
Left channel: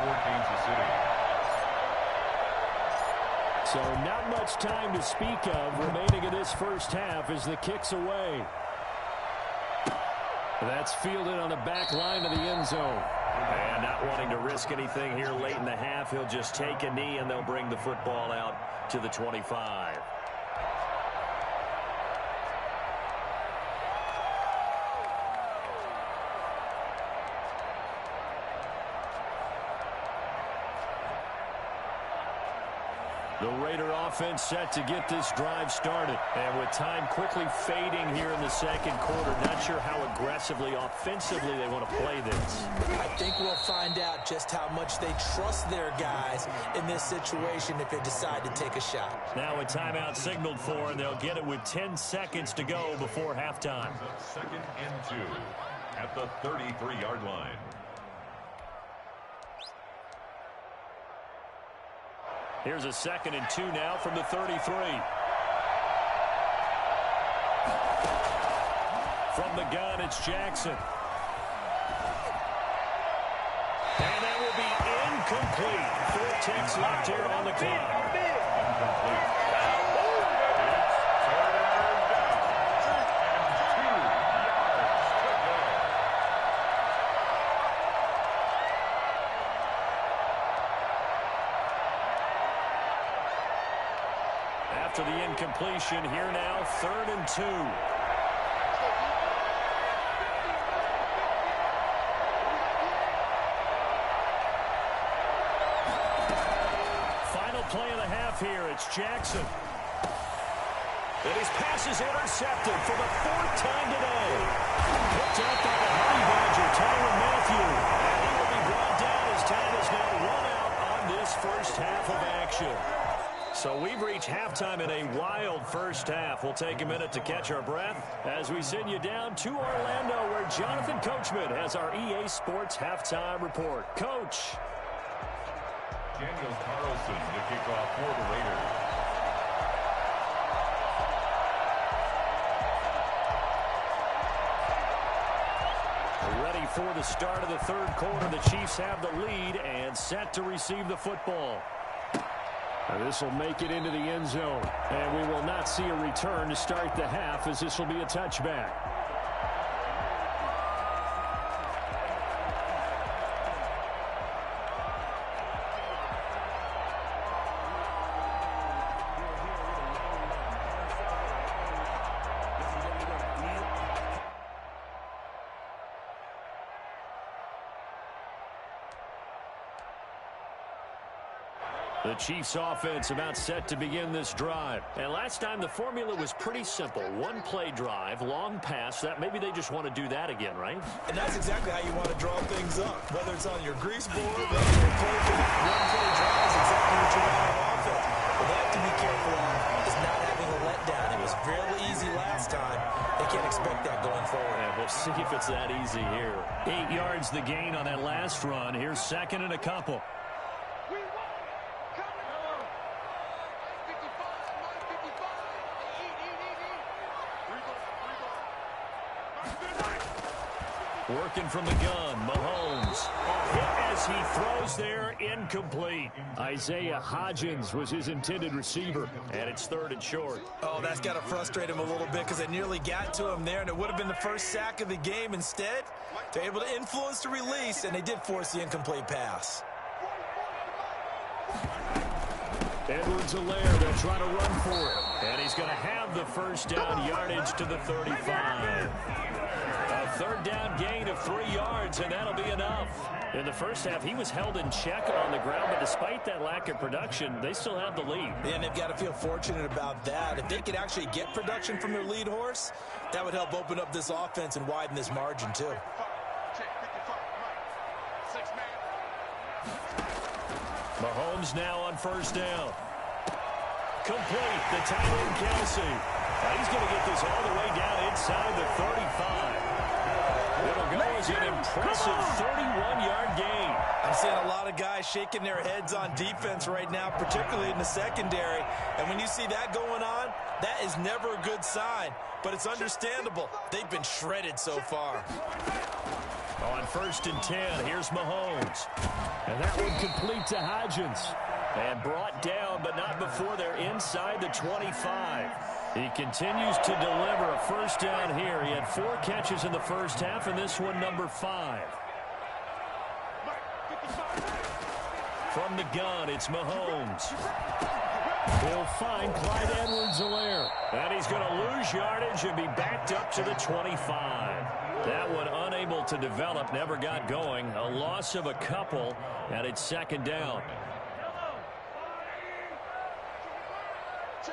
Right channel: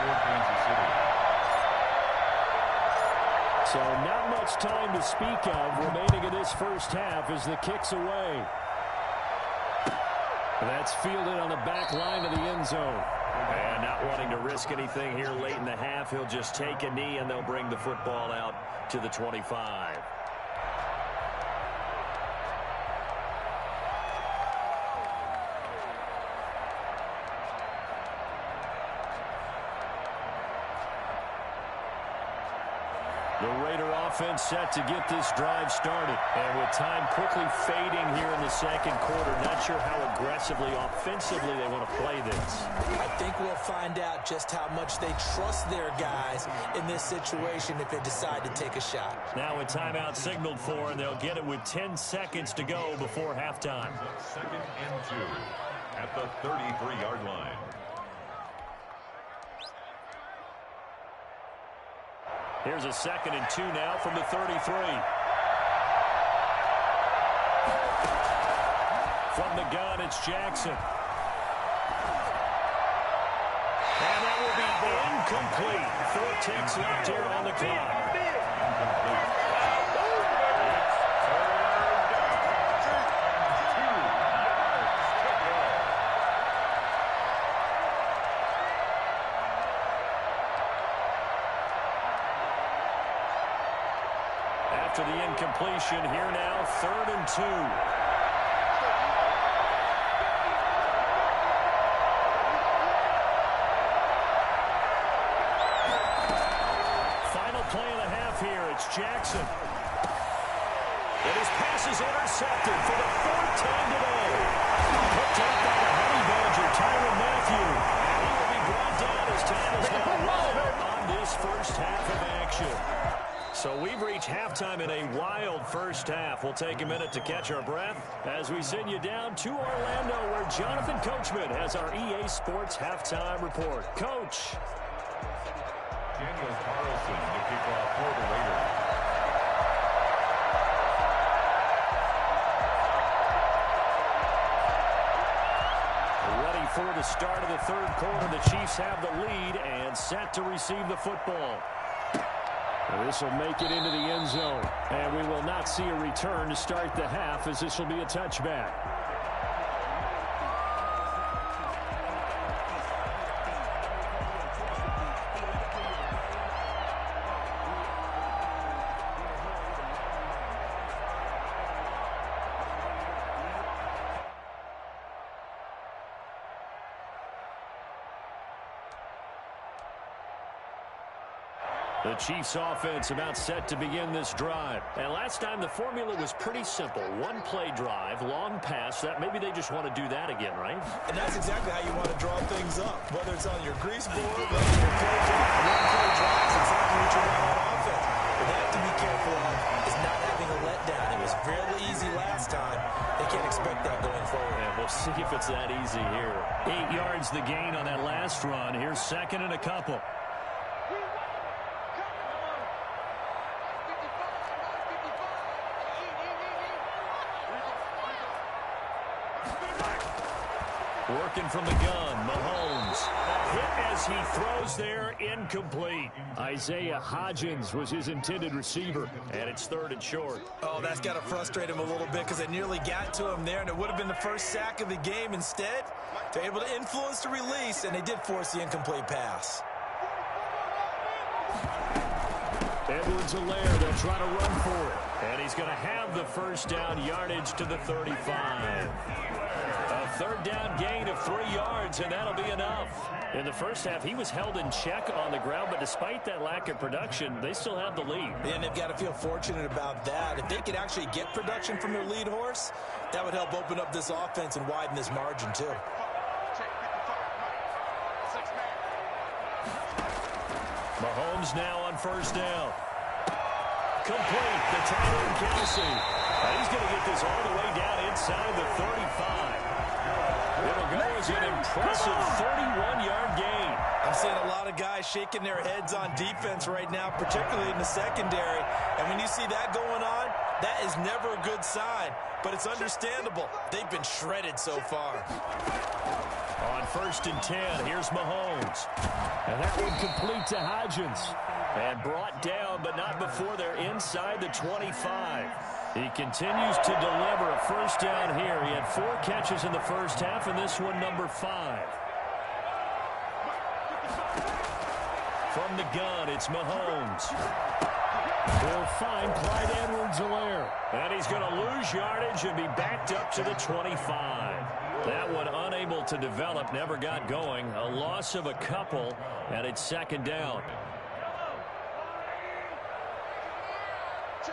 For Kansas City. So not much time to speak of remaining in this first half as the kick's away. That's fielded on the back line of the end zone. And not wanting to risk anything here late in the half, he'll just take a knee and they'll bring the football out to the 25. The Raider offense set to get this drive started. And with time quickly fading here in the second quarter, not sure how aggressively, offensively they want to play this. I think we'll find out just how much they trust their guys in this situation if they decide to take a shot. Now a timeout signaled for, and they'll get it with 10 seconds to go before halftime. 2nd and 2 at the 33-yard line. Here's a 2nd and 2 now from the 33. From the gun, it's Jackson. And that will be incomplete. 4 ticks left here on the clock. Incomplete. It's 3rd down and 2 yards to go. After the incompletion, here now, 3rd and 2. Final play of the half here. It's Jackson. And his pass is intercepted for the 4th time today. Picked up by the Honey Badger, Tyrann Mathieu. And he will be brought down as time is now run out on this first half of action. So we've reached halftime in a wild first half. We'll take a minute to catch our breath as we send you down to Orlando, where Jonathan Coachman has our EA Sports halftime report. Coach. Daniel Carlson to kick off for the Raiders. Ready for the start of the 3rd quarter. The Chiefs have the lead and set to receive the football. This will make it into the end zone. And we will not see a return to start the half, as this will be a touchback. The Chiefs offense about set to begin this drive. And last time the formula was pretty simple. 1-play drive, long pass. That maybe they just want to do that again, right? And that's exactly how you want to draw things up. Whether it's on your grease board, whether your play clock, 1-play drive is exactly what you want on offense. What they have to be careful of is not having a letdown. It was fairly easy last time. They can't expect that going forward. And we'll see if it's that easy here. 8 yards the gain on that last run. Here's 2nd and a couple. Working from the gun, Mahomes. Hit as he throws there, incomplete. Isaiah Hodgins was his intended receiver, and it's 3rd and short. Oh, that's got to frustrate him a little bit because they nearly got to him there, and it would have been the first sack of the game. Instead, they're able to influence the release, and they did force the incomplete pass. Edwards-Helaire, they'll try to run for it. And he's going to have the first down, yardage to the 35. A 3rd down gain of 3 yards, and that'll be enough. In the first half, he was held in check on the ground, but despite that lack of production, they still have the lead. And they've got to feel fortunate about that. If they could actually get production from their lead horse, that would help open up this offense and widen this margin, too. Mahomes now on 1st down. Complete, the tight end, Kelce. He's going to get this all the way down inside the 35. It'll go as an impressive 31-yard gain. I'm seeing a lot of guys shaking their heads on defense right now, particularly in the secondary. And when you see that going on, that is never a good sign. But it's understandable. They've been shredded so far. On 1st and 10, here's Mahomes. And that one complete to Hodgins. And brought down, but not before they're inside the 25. He continues to deliver a first down here. He had 4 catches in the first half, and this one number 5. From the gun, it's Mahomes. He'll find Clyde Edwards-Helaire. And he's going to lose yardage and be backed up to the 25. That one unable to develop, never got going. A loss of a couple, and it's 2nd down. Again,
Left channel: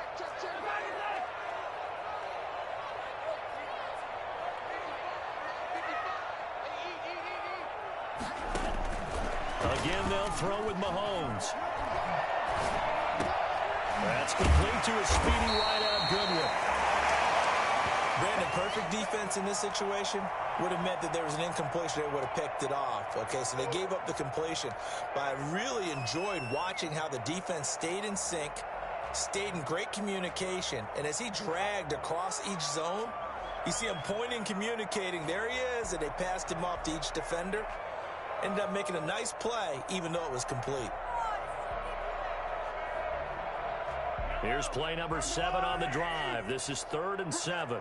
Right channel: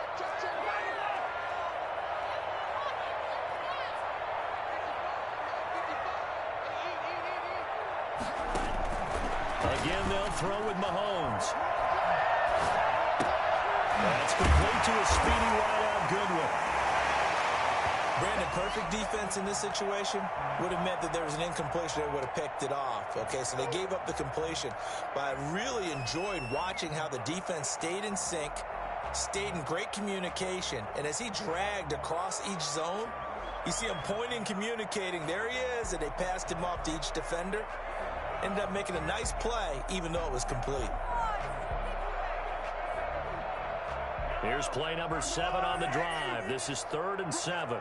they'll throw with Mahomes. That's complete to a speedy wideout Goodwin. Brandon, perfect defense in this situation would have meant that there was an incompletion. They would have picked it off. Okay, so they gave up the completion. But I really enjoyed watching how the defense stayed in sync, stayed in great communication. And as he dragged across each zone, you see him pointing, communicating. There he is, and they passed him off to each defender. Ended up making a nice play, even though it was complete. Here's play number 7 on the drive. This is 3rd and 7.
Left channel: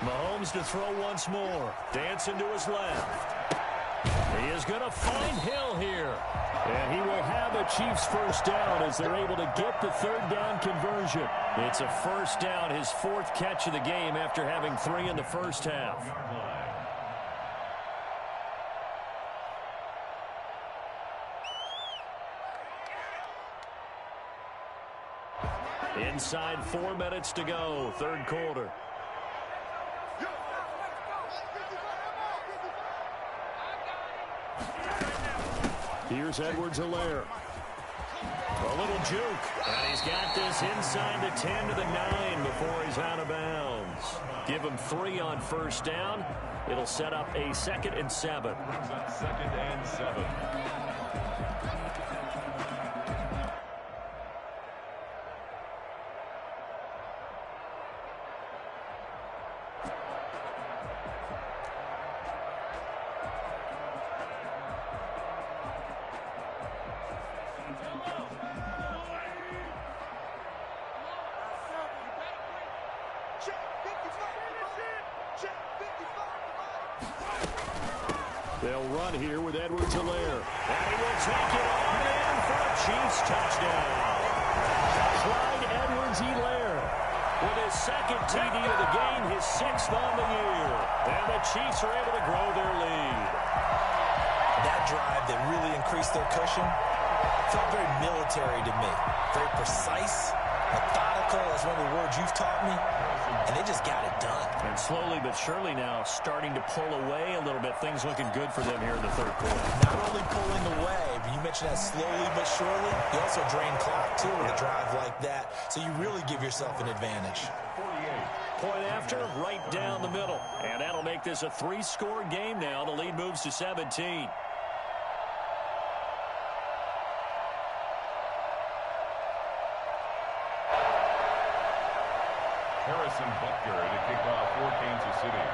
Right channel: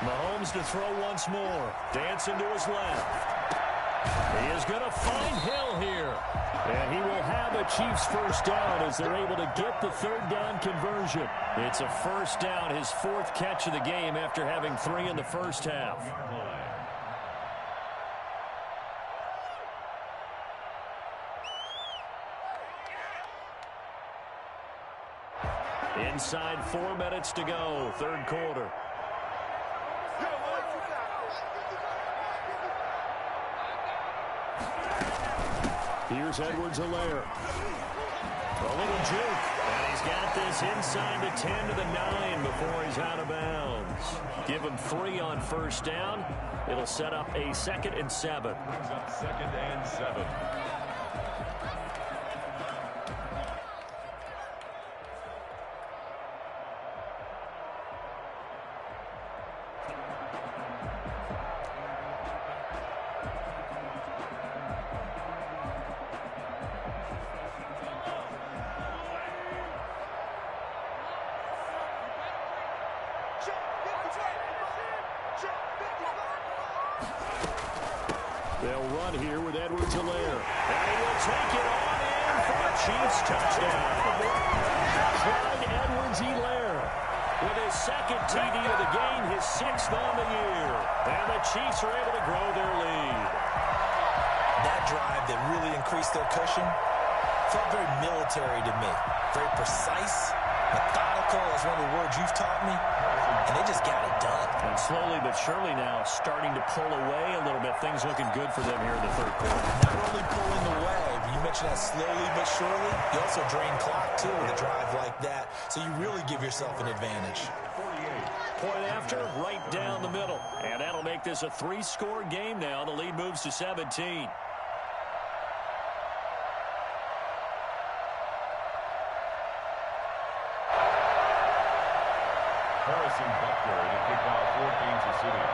Mahomes to throw once more. Dancing to his left. He is going to find Hill here. And he will have a Chiefs first down as they're able to get the 3rd down conversion. It's a first down, his 4th catch of the game after having 3 in the first half. Inside 4 minutes to go, 3rd quarter. Here's Edwards-Helaire. A little juke. And he's got this inside the 10 to the 9 before he's out of bounds. Give him 3 on first down. It'll set up a 2nd and 7. Brings up 2nd and 7. They'll run here with Edwards-Helaire. And he will take it on in for a Chiefs touchdown. Clyde Edwards-Helaire with his 2nd TD of the game, his 6th on the year. And the Chiefs are able to grow their lead. That drive that really increased their cushion felt very military to me. Very precise, methodical. That's one of the words you've taught me. And they just got it done. And slowly but surely now starting to pull away a little bit. Things looking good for them here in the 3rd quarter. Not only pulling away, but you mentioned that slowly but surely. You also drain clock, too, with a drive like that. So you really give yourself an advantage. 48. Point after, right down the middle. And that'll make this a 3-score game now. The lead moves to 17. Harrison Butker to kick off for Kansas City.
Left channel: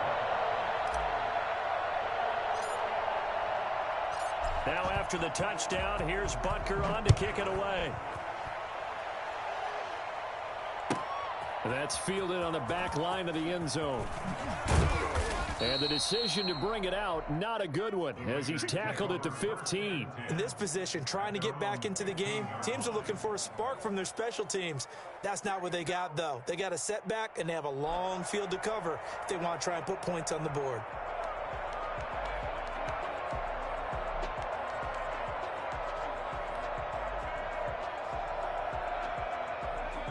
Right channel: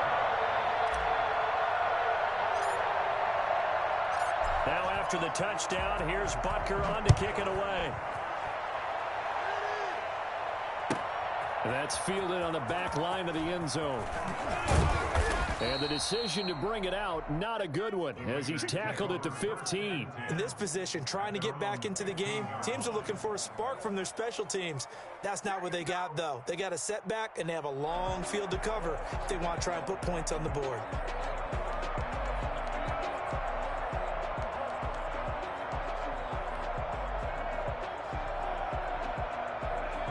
Now after the touchdown, here's Butker on to kick it away. That's fielded on the back line of the end zone. And the decision to bring it out, not a good one, as he's tackled at the 15. In this position, trying to get back into the game, teams are looking for a spark from their special teams. That's not what they got, though. They got a setback, and they have a long field to cover if they want to try and put points on the board.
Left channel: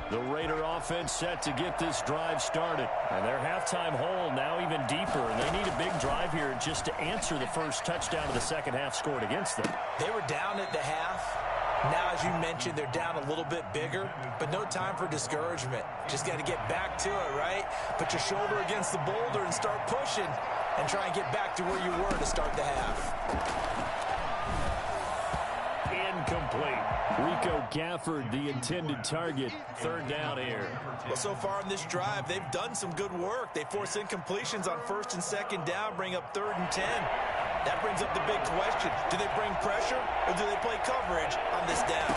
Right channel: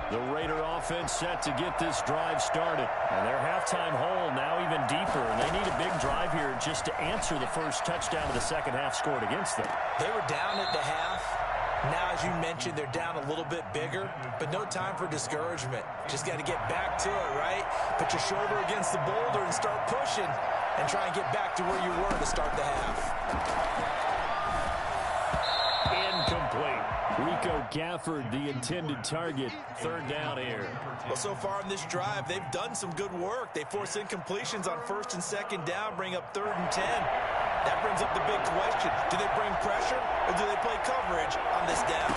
The Raider offense set to get this drive started. And their halftime hole now even deeper. And they need a big drive here just to answer the first touchdown of the second half scored against them. They were down at the half. Now, as you mentioned, they're down a little bit bigger. But no time for discouragement. Just got to get back to it, right? Put your shoulder against the boulder and start pushing. And try and get back to where you were to start the half. Incomplete. Rico Gafford, the intended target. 3rd down here. Well, so far in this drive, they've done some good work. They force incompletions on 1st and 2nd down, bring up 3rd and 10. That brings up the big question. Do they bring pressure or do they play coverage on this down?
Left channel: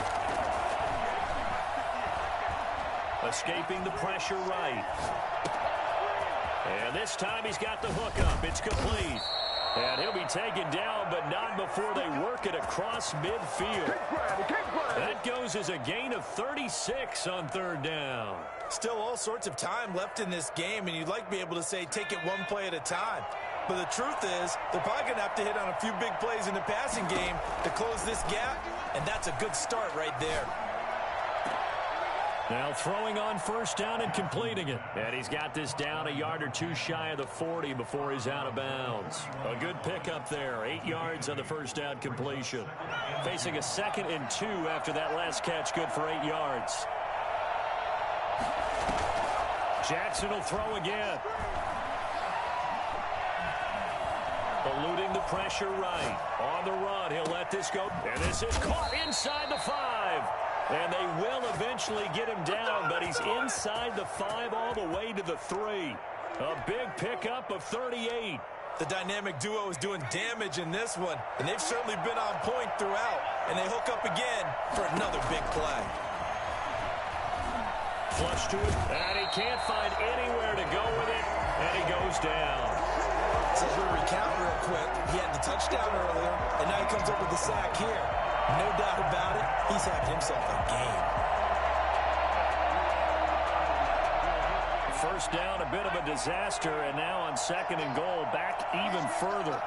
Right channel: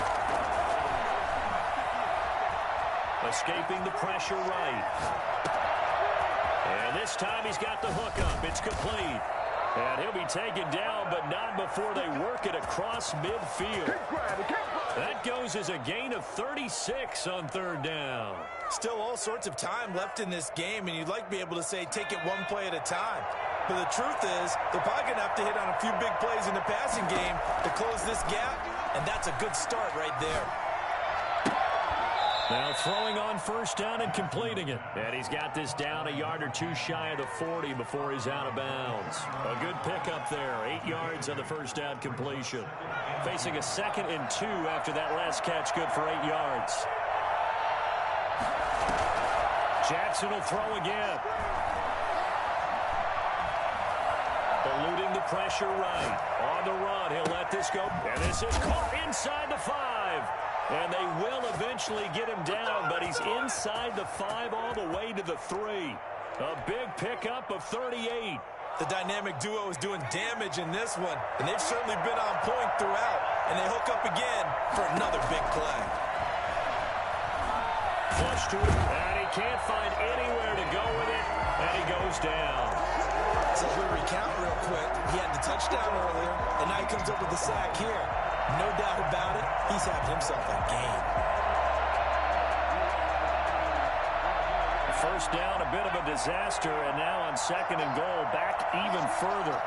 Escaping the pressure right. And this time he's got the hook up. It's complete. And he'll be taken down, but not before they work it across midfield. That goes as a gain of 36 on third down. Still all sorts of time left in this game, and you'd like to be able to say take it one play at a time. But the truth is, they're probably going to have to hit on a few big plays in the passing game to close this gap, and that's a good start right there. Now throwing on first down and completing it. And he's got this down a yard or two shy of the 40 before he's out of bounds. A good pickup there. 8 yards on the first down completion. Facing a 2nd and 2 after that last catch, good for 8 yards. Jackson will throw again. Eluding the pressure right. On the run, he'll let this go. And this is caught inside the 5. And they will eventually get him down, but he's inside the 5 all the way to the 3. A big pickup of 38. The dynamic duo is doing damage in this one, and they've certainly been on point throughout. And they hook up again for another big play. Flush to it, and he can't find anywhere to go with it, and he goes down. So if we recount real quick, he had the touchdown earlier, and now he comes up with the sack here. No doubt about it, he's having himself a game. First down, a bit of a disaster, and now on 2nd and goal, back even further.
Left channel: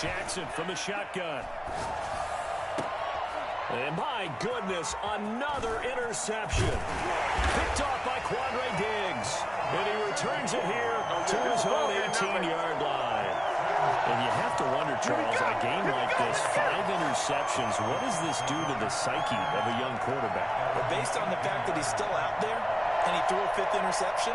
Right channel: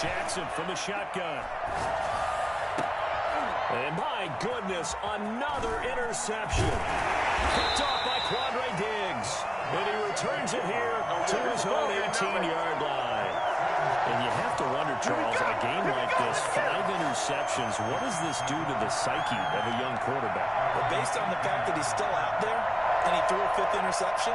Jackson from the shotgun. And my goodness, another interception. Picked off by Quandre Diggs. And he returns it here to his own 18-yard line. And you have to wonder, Charles, a game like this, 5 interceptions, what does this do to the psyche of a young quarterback? Well, based on the fact that he's still out there and he threw a 5th interception,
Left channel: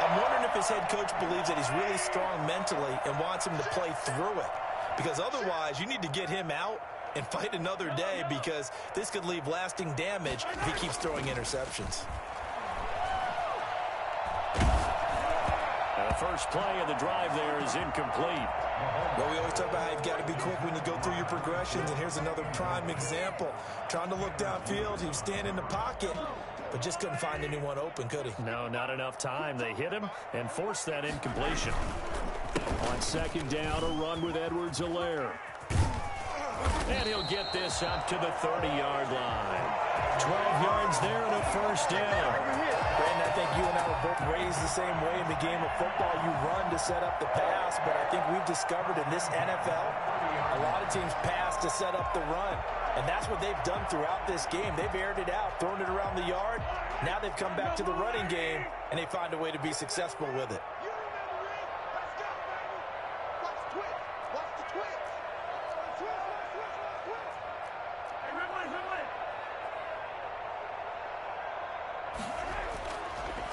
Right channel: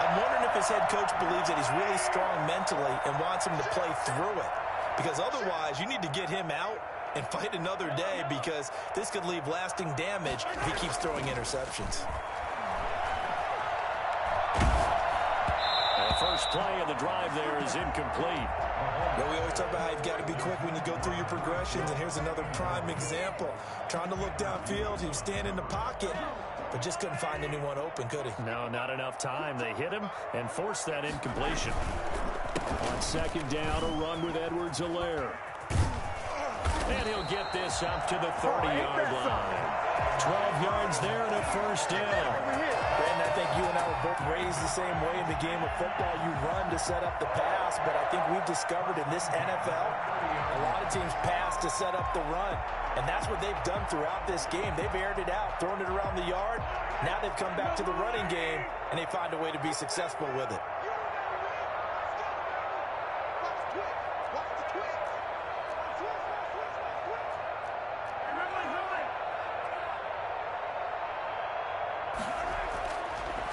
I'm wondering if his head coach believes that he's really strong mentally and wants him to play through it. Because otherwise, you need to get him out and fight another day, because this could leave lasting damage if he keeps throwing interceptions. And the first play of the drive there is incomplete. Well, we always talk about how you've got to be quick when you go through your progressions, and here's another prime example. Trying to look downfield, he was standing in the pocket, but just couldn't find anyone open, could he? No, not enough time. They hit him and forced that incompletion. On 2nd down, a run with Edwards-Helaire. And he'll get this up to the 30-yard line. 12 yards there and a first down. Brandon, I think you and I were both raised the same way in the game of football. You run to set up the pass, but I think we've discovered in this NFL, a lot of teams pass to set up the run. And that's what they've done throughout this game. They've aired it out, thrown it around the yard. Now they've come back to the running game, and they find a way to be successful with it.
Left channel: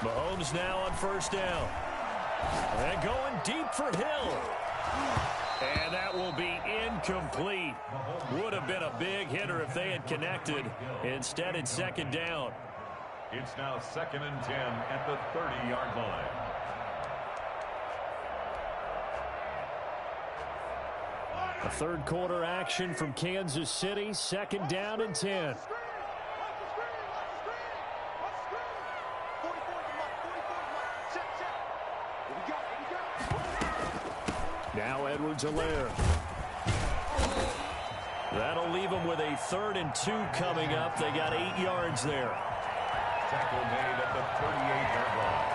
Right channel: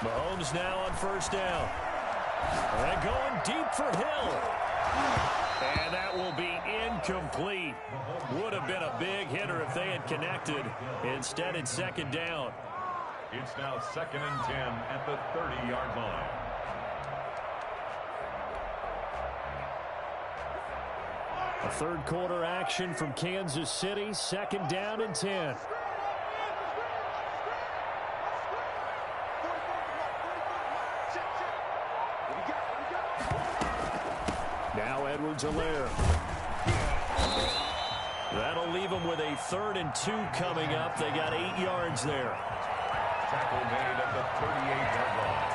Mahomes now on first down. And going deep for Hill. And that will be incomplete. Would have been a big hitter if they had connected. Instead, it's 2nd down. It's now 2nd and 10 at the 30-yard line. A third quarter action from Kansas City. 2nd down and 10. Now Edwards-Helaire. That'll leave them with a 3rd and 2 coming up. They got 8 yards there. Tackle made at the 38-yard line.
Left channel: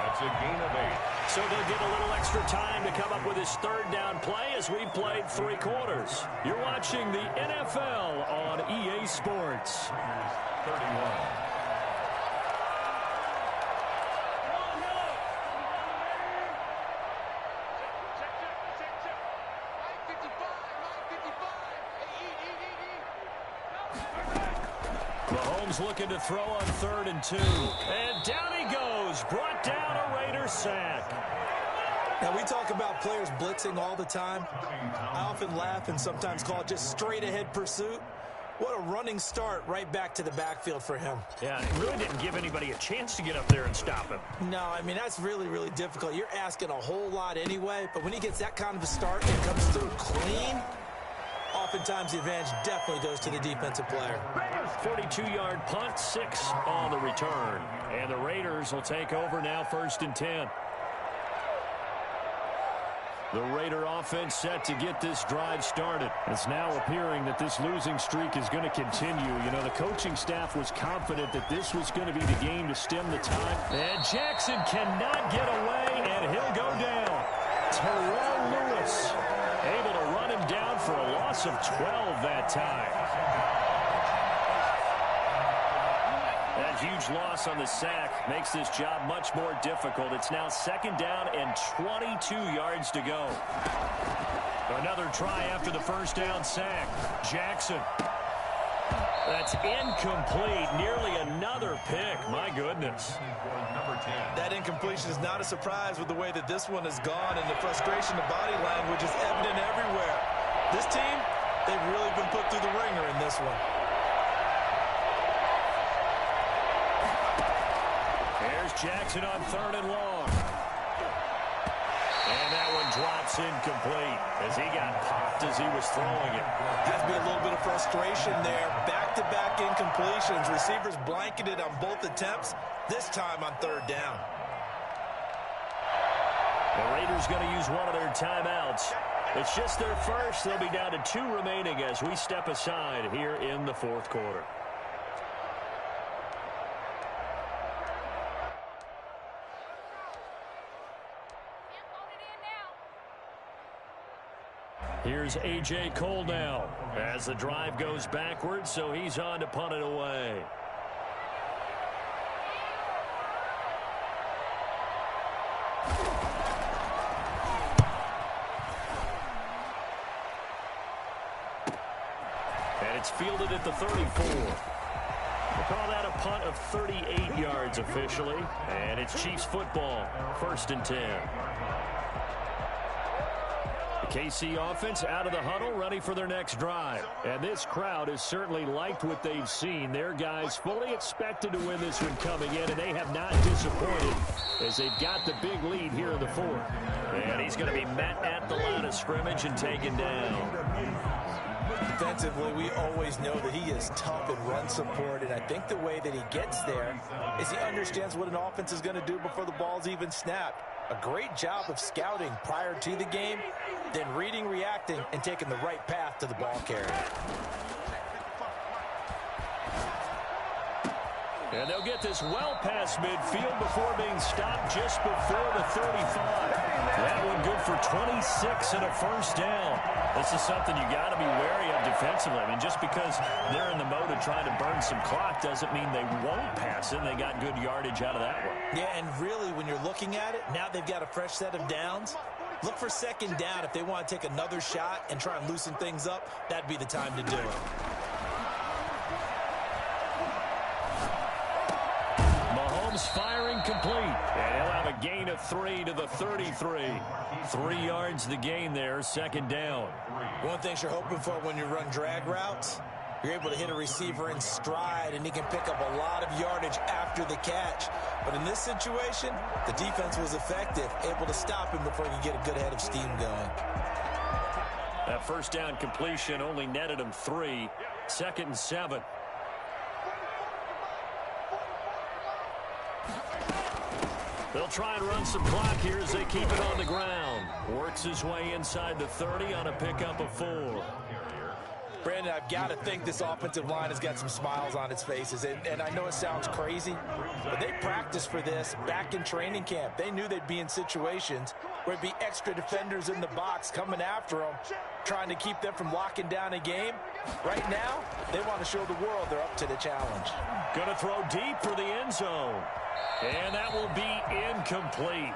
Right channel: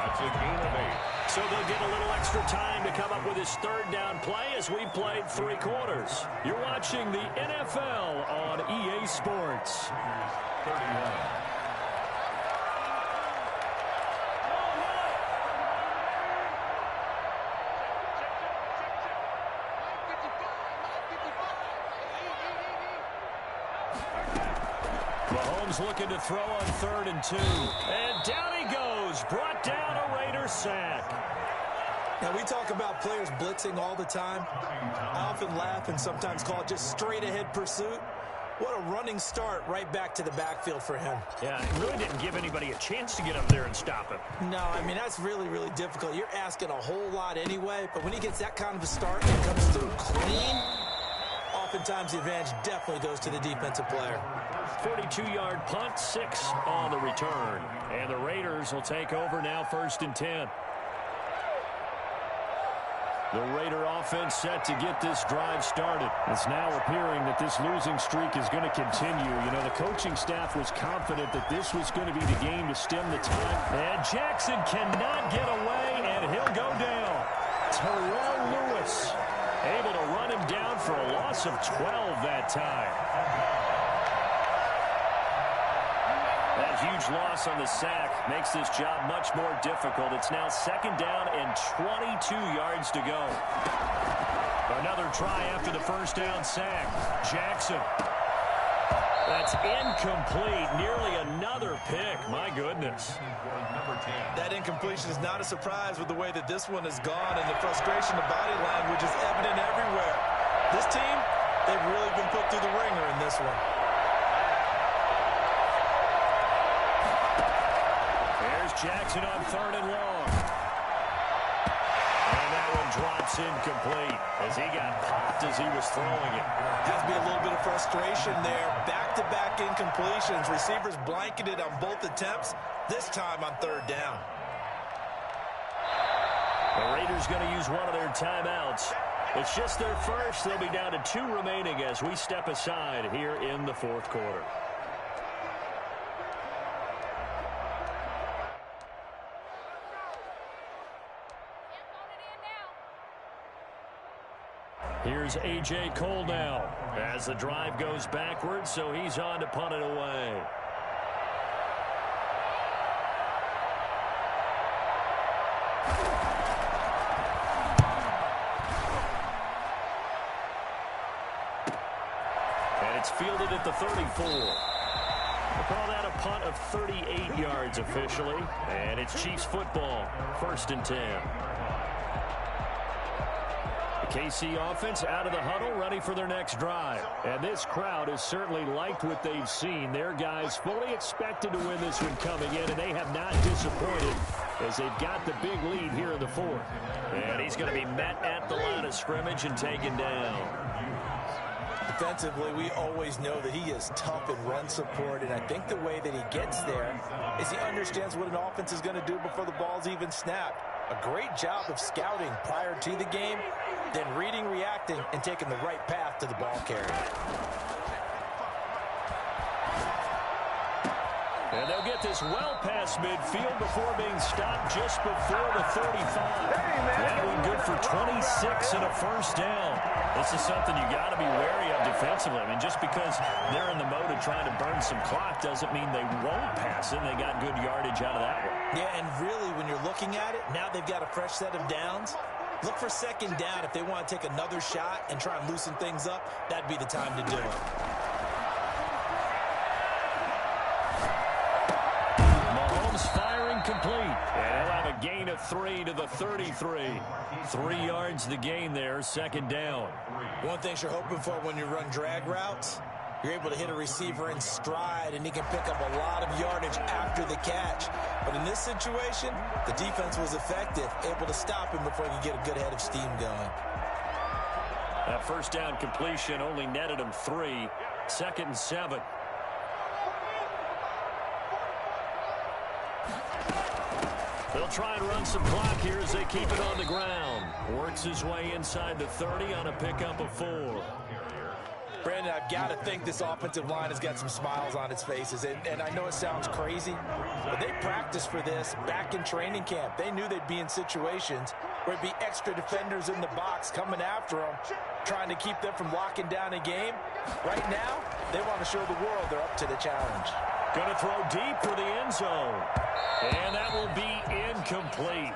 That's a gain of 8. So they'll get a little extra time to come up with his 3rd down play as we played 3 quarters. You're watching the NFL on EA Sports. 31. Mahomes looking to throw on 3rd and 2. And down he goes. Brought down a Raider sack. Now, we talk about players blitzing all the time. I often laugh and sometimes call it just straight-ahead pursuit. What a running start right back to the backfield for him. Yeah, it really didn't give anybody a chance to get up there and stop him. No, I mean, that's really, really difficult. You're asking a whole lot anyway, but when he gets that kind of a start and comes through clean, oftentimes the advantage definitely goes to the defensive player. 42-yard punt, 6 on the return. And the Raiders will take over now 1st and 10. The Raider offense set to get this drive started. It's now appearing that this losing streak is going to continue. You know, the coaching staff was confident that this was going to be the game to stem the tide. And Jackson cannot get away, and he'll go down. Terrell Lewis able to run him down for a loss of 12 that time. That huge loss on the sack makes this job much more difficult. It's now 2nd down and 22 yards to go. Another try after the first down sack. Jackson. That's incomplete. Nearly another pick. My goodness. That incompletion is not a surprise with the way that this one has gone, and the frustration of body language is evident everywhere. This team, they've really been put through the ringer in this one. Here's Jackson on 3rd and long. And that one drops incomplete as he got popped as he was throwing it. Has to be a little bit of frustration there. Back-to-back incompletions. Receivers blanketed on both attempts, this time on 3rd down. The Raiders going to use one of their timeouts. It's just their first. They'll be down to 2 remaining as we step aside here in the 4th quarter. Here's A.J. Cole now as the drive goes backwards, so he's on to punt it away. And it's fielded at the 34. We'll call that a punt of 38 yards officially. And it's Chiefs football, 1st and 10. KC offense out of the huddle, ready for their next drive. And this crowd has certainly liked what they've seen. Their guys fully expected to win this one coming in, and they have not disappointed as they've got the big lead here in the 4th. And he's going to be met at the line of scrimmage and taken down. Defensively, we always know that he is tough in run support, and I think the way that he gets there is he understands what an offense is going to do before the ball's even snapped. A great job of scouting prior to the game, then reading, reacting, and taking the right path to the ball carrier. And they'll get this well past midfield before being stopped just before the 35. That one good for 26 and a 1st down. This is something you got to be wary of defensively. I mean, just because they're in the mode of trying to burn some clock doesn't mean they won't pass it. And they got good yardage out of that one. Yeah, and really, when you're looking at it, now they've got a fresh set of downs. Look for 2nd down. If they want to take another shot and try and loosen things up, that'd be the time to do it. Mahomes firing complete. And he'll have a gain of 3 to the 33. 3 yards the gain there, 2nd down. One thing you're hoping for when you run drag routes, you're able to hit a receiver in stride, and he can pick up a lot of yardage after the catch. But in this situation, the defense was effective, able to stop him before he could get a good head of steam going. That 1st down completion only netted him 3. 2nd and 7. They'll try and run some clock here as they keep it on the ground. Works his way inside the 30 on a pickup of 4. Brandon, I've got to think this offensive line has got some smiles on its faces. And I know it sounds crazy, but they practiced for this back in training camp. They knew they'd be in situations where it'd be extra defenders in the box coming after them, trying to keep them from locking down a game. Right now, they want to show the world they're up to the challenge. Going to throw deep for the end zone. And that will be incomplete.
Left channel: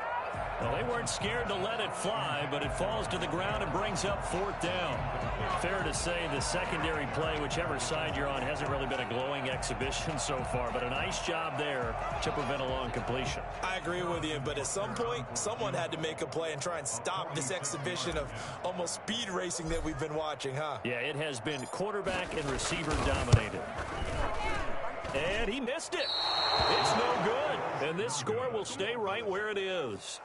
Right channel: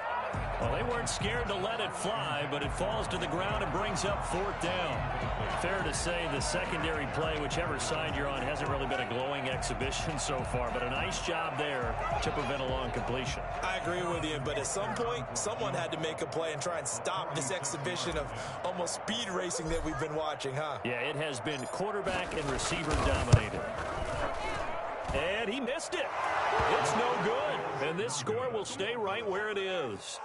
Well, they weren't scared to let it fly, but it falls to the ground and brings up 4th down. Fair to say the secondary play, whichever side you're on, hasn't really been a glowing exhibition so far, but a nice job there to prevent a long completion. I agree with you, but at some point, someone had to make a play and try and stop this exhibition of almost speed racing that we've been watching, huh? Yeah, it has been quarterback and receiver dominated. And he missed it. It's no good. And this score will stay right where it is.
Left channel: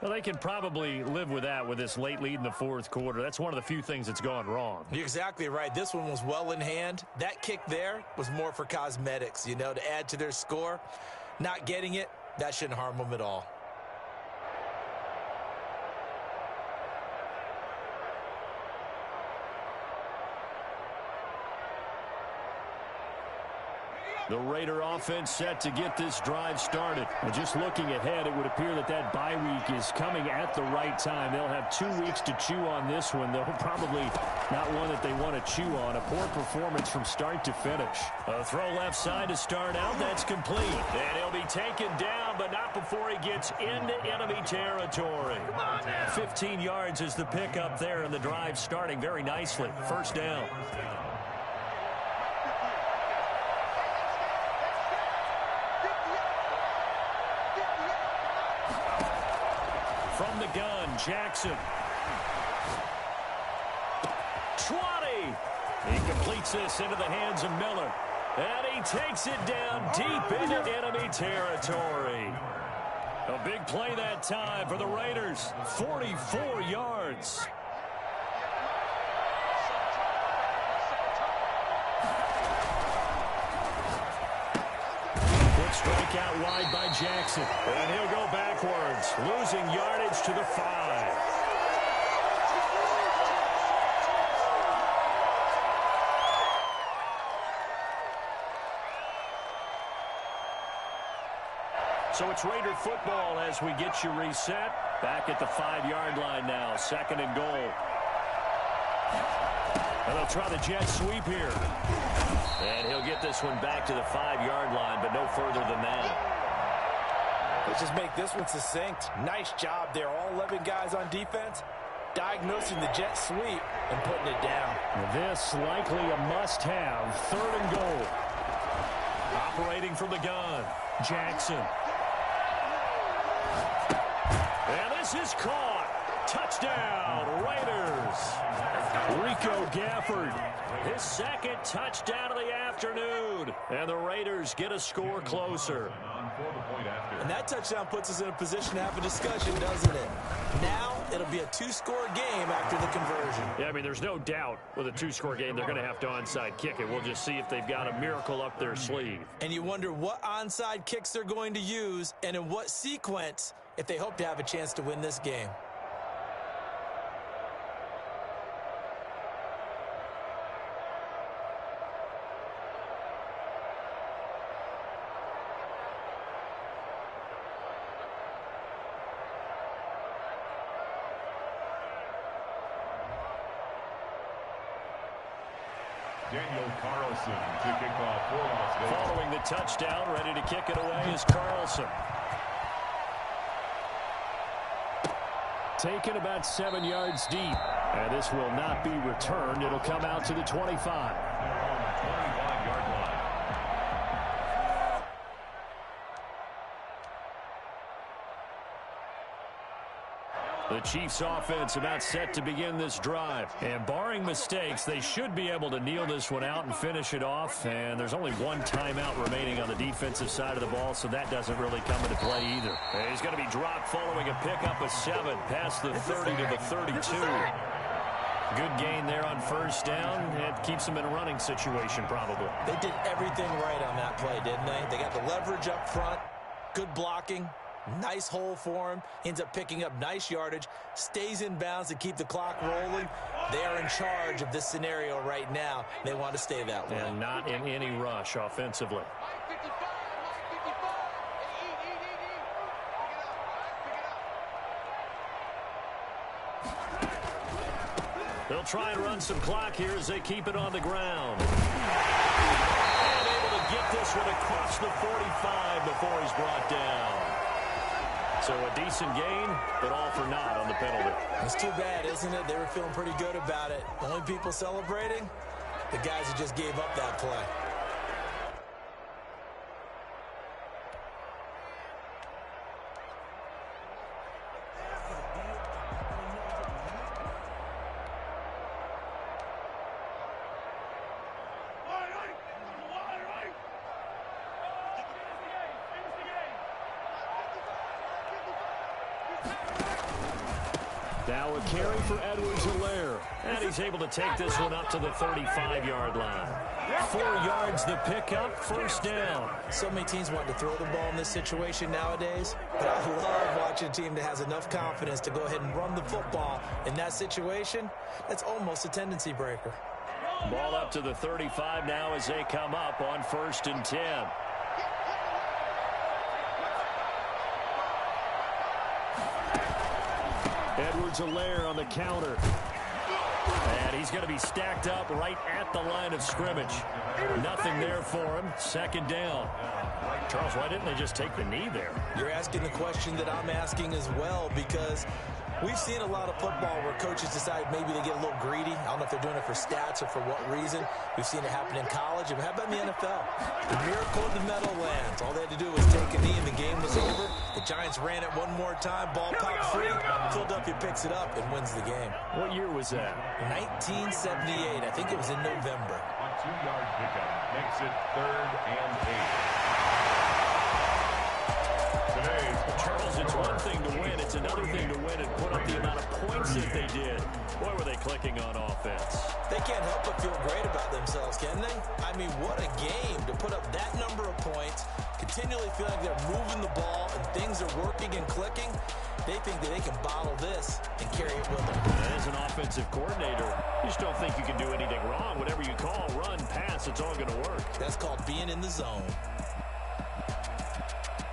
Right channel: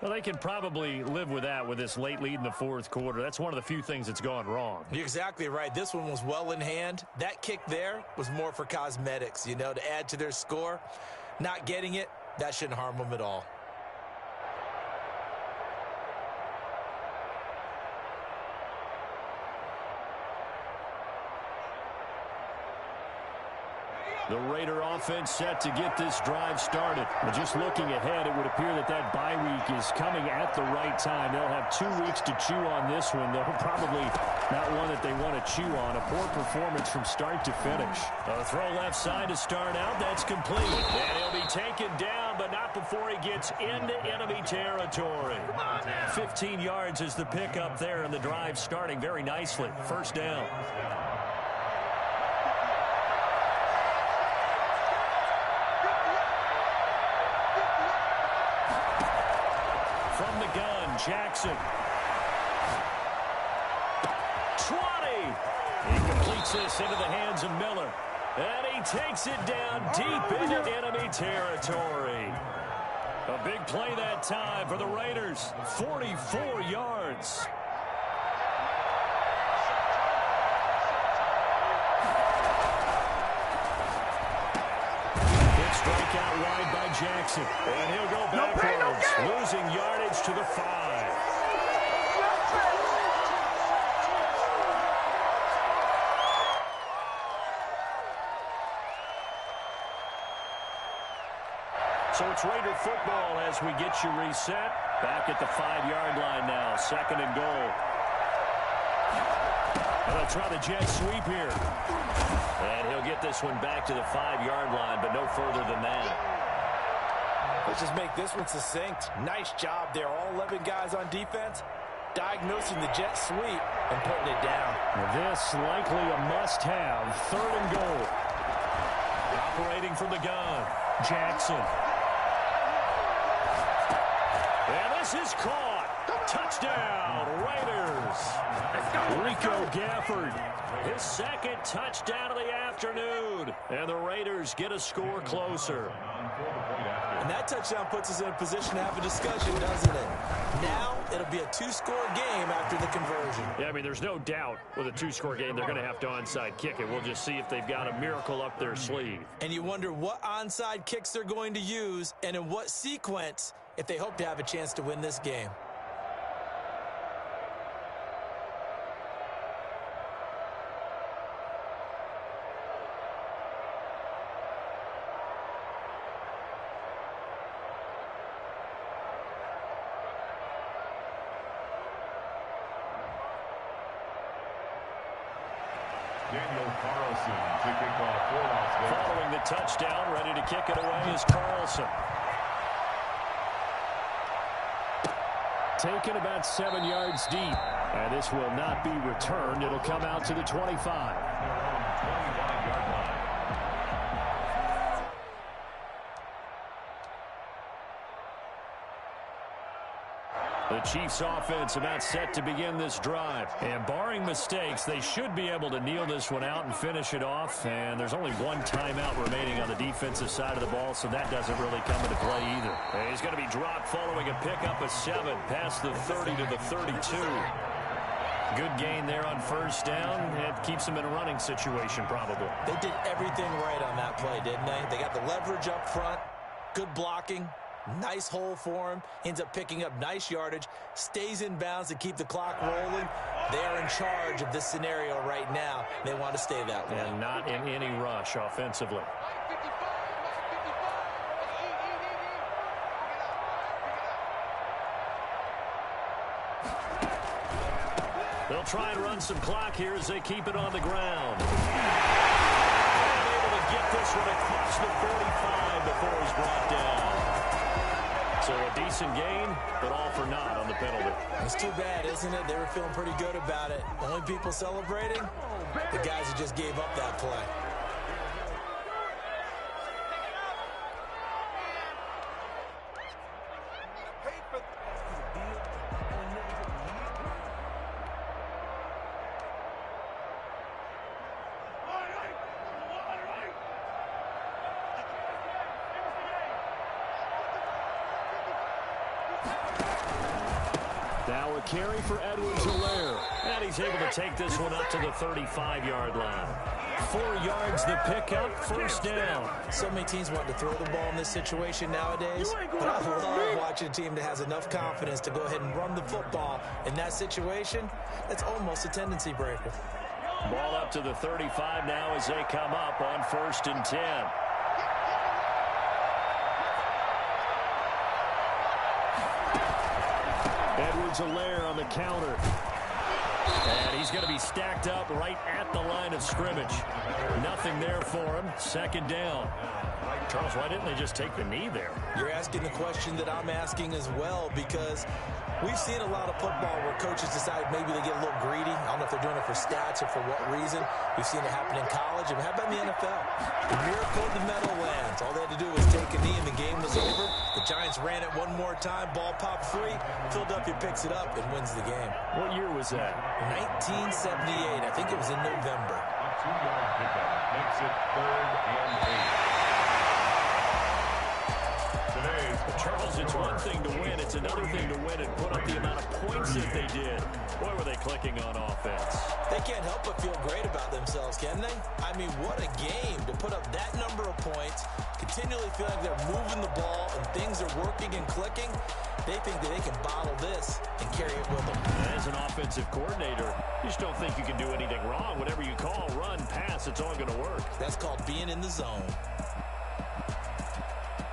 Well, they can probably live with that with this late lead in the 4th quarter. That's one of the few things that's gone wrong. You're exactly right. This one was well in hand. That kick there was more for cosmetics, you know, to add to their score. Not getting it, that shouldn't harm them at all. The Raider offense set to get this drive started. And just looking ahead, it would appear that that bye week is coming at the right time. They'll have 2 weeks to chew on this one, though probably not one that they want to chew on. A poor performance from start to finish. A throw left side to start out. That's complete. And he'll be taken down, but not before he gets into enemy territory. 15 yards is the pickup there, and the drive starting very nicely. First down. From the gun, Jackson. 20. He completes this into the hands of Miller. And he takes it down deep into enemy territory. A big play that time for the Raiders. 44 yards. Strike out wide by Jackson. And he'll go backwards, losing yardage to the 5. So it's Raider football as we get you reset. Back at the 5-yard line now, 2nd and goal. And they'll try the jet sweep here. And he'll get this one back to the 5-yard line, but no further than that. Let's just make this one succinct. Nice job there. All 11 guys on defense diagnosing the jet sweep and putting it down. This likely a must-have. 3rd and goal. Operating from the gun, Jackson. And this is caught. Touchdown, Raiders. Rico Gafford, his 2nd touchdown of the afternoon. And the Raiders get a score closer. And that touchdown puts us in a position to have a discussion, doesn't it? Now it'll be a 2-score game after the conversion. Yeah, I mean, there's no doubt with a 2-score game they're going to have to onside kick it. We'll just see if they've got a miracle up their sleeve. And you wonder what onside kicks they're going to use and in what sequence if they hope to have a chance to win this game. Daniel Carlson to kick off for Las Vegas. Following the touchdown, ready to kick it away is Carlson. Taken about 7 yards deep. And this will not be returned. It'll come out to the 25. Their own 25-yard line. The Chiefs offense about set to begin this drive. And barring mistakes, they should be able to kneel this one out and finish it off. And there's only one timeout remaining on the defensive side of the ball, so that doesn't really come into play either. And he's going to be dropped following a pickup of 7 past the 30 to the 32. Good gain there on first down. It keeps them in a running situation probably. They did everything right on that play, didn't they? They got the leverage up front, good blocking. Nice hole for him. Ends up picking up nice yardage. Stays in bounds to keep the clock rolling. They are in charge of this scenario right now. They want to stay that way. And not in any rush offensively. They'll try and run some clock here as they keep it on the ground. And able to get this one across the 45 before he's brought down. So a decent gain, but all for naught on the penalty. It's too bad, isn't it? They were feeling pretty good about it. The only people celebrating, the guys who just gave up that play. Now a carry for Edwards-Helaire. And he's able to take this one up to the 35-yard line. 4 yards the pickup, first down. So many teams want to throw the ball in this situation nowadays, but I love watching a team that has enough confidence to go ahead and run the football in that situation. That's almost a tendency breaker. Ball up to the 35 now as they come up on 1st and 10. Edwards-Helaire on the counter. And he's going to be stacked up right at the line of scrimmage. Nothing there for him. 2nd down. Charles, why didn't they just take the knee there? You're asking the question that I'm asking as well, because we've seen a lot of football where coaches decide maybe they get a little greedy. I don't know if they're doing it for stats or for what reason. We've seen it happen in college. And how about in the NFL? The miracle of the Meadowlands. All they had to do was take a knee and the game was over. The Giants ran it one more time. Ball popped free. Philadelphia picks it up and wins the game. What year was that? 1978. I think it was in November. A 2-yard pickup makes it 3rd and 8. Charles, it's one thing to win. It's another thing to win and put up the amount of points that they did. Boy, were they clicking on offense. They can't help but feel great about themselves, can they? I mean, what a game to put up that number of points, continually feel like they're moving the ball and things are working and clicking. They think that they can bottle this and carry it with them. As an offensive coordinator, you just don't think you can do anything wrong. Whatever you call, run, pass, it's all going to work. That's called being in the zone.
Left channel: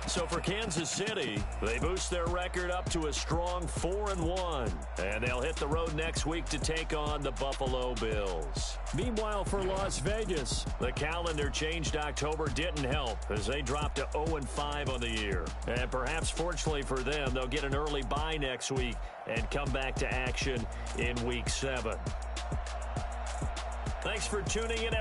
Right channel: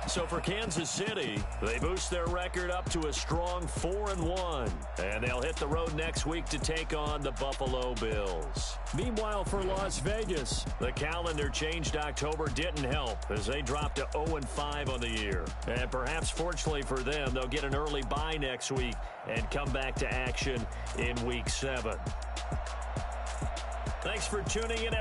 So for Kansas City, they boost their record up to a strong 4-1. And they'll hit the road next week to take on the Buffalo Bills. Meanwhile, for Las Vegas, the calendar changed October didn't help as they dropped to 0-5 on the year. And perhaps fortunately for them, they'll get an early bye next week and come back to action in Week 7. Thanks for tuning in.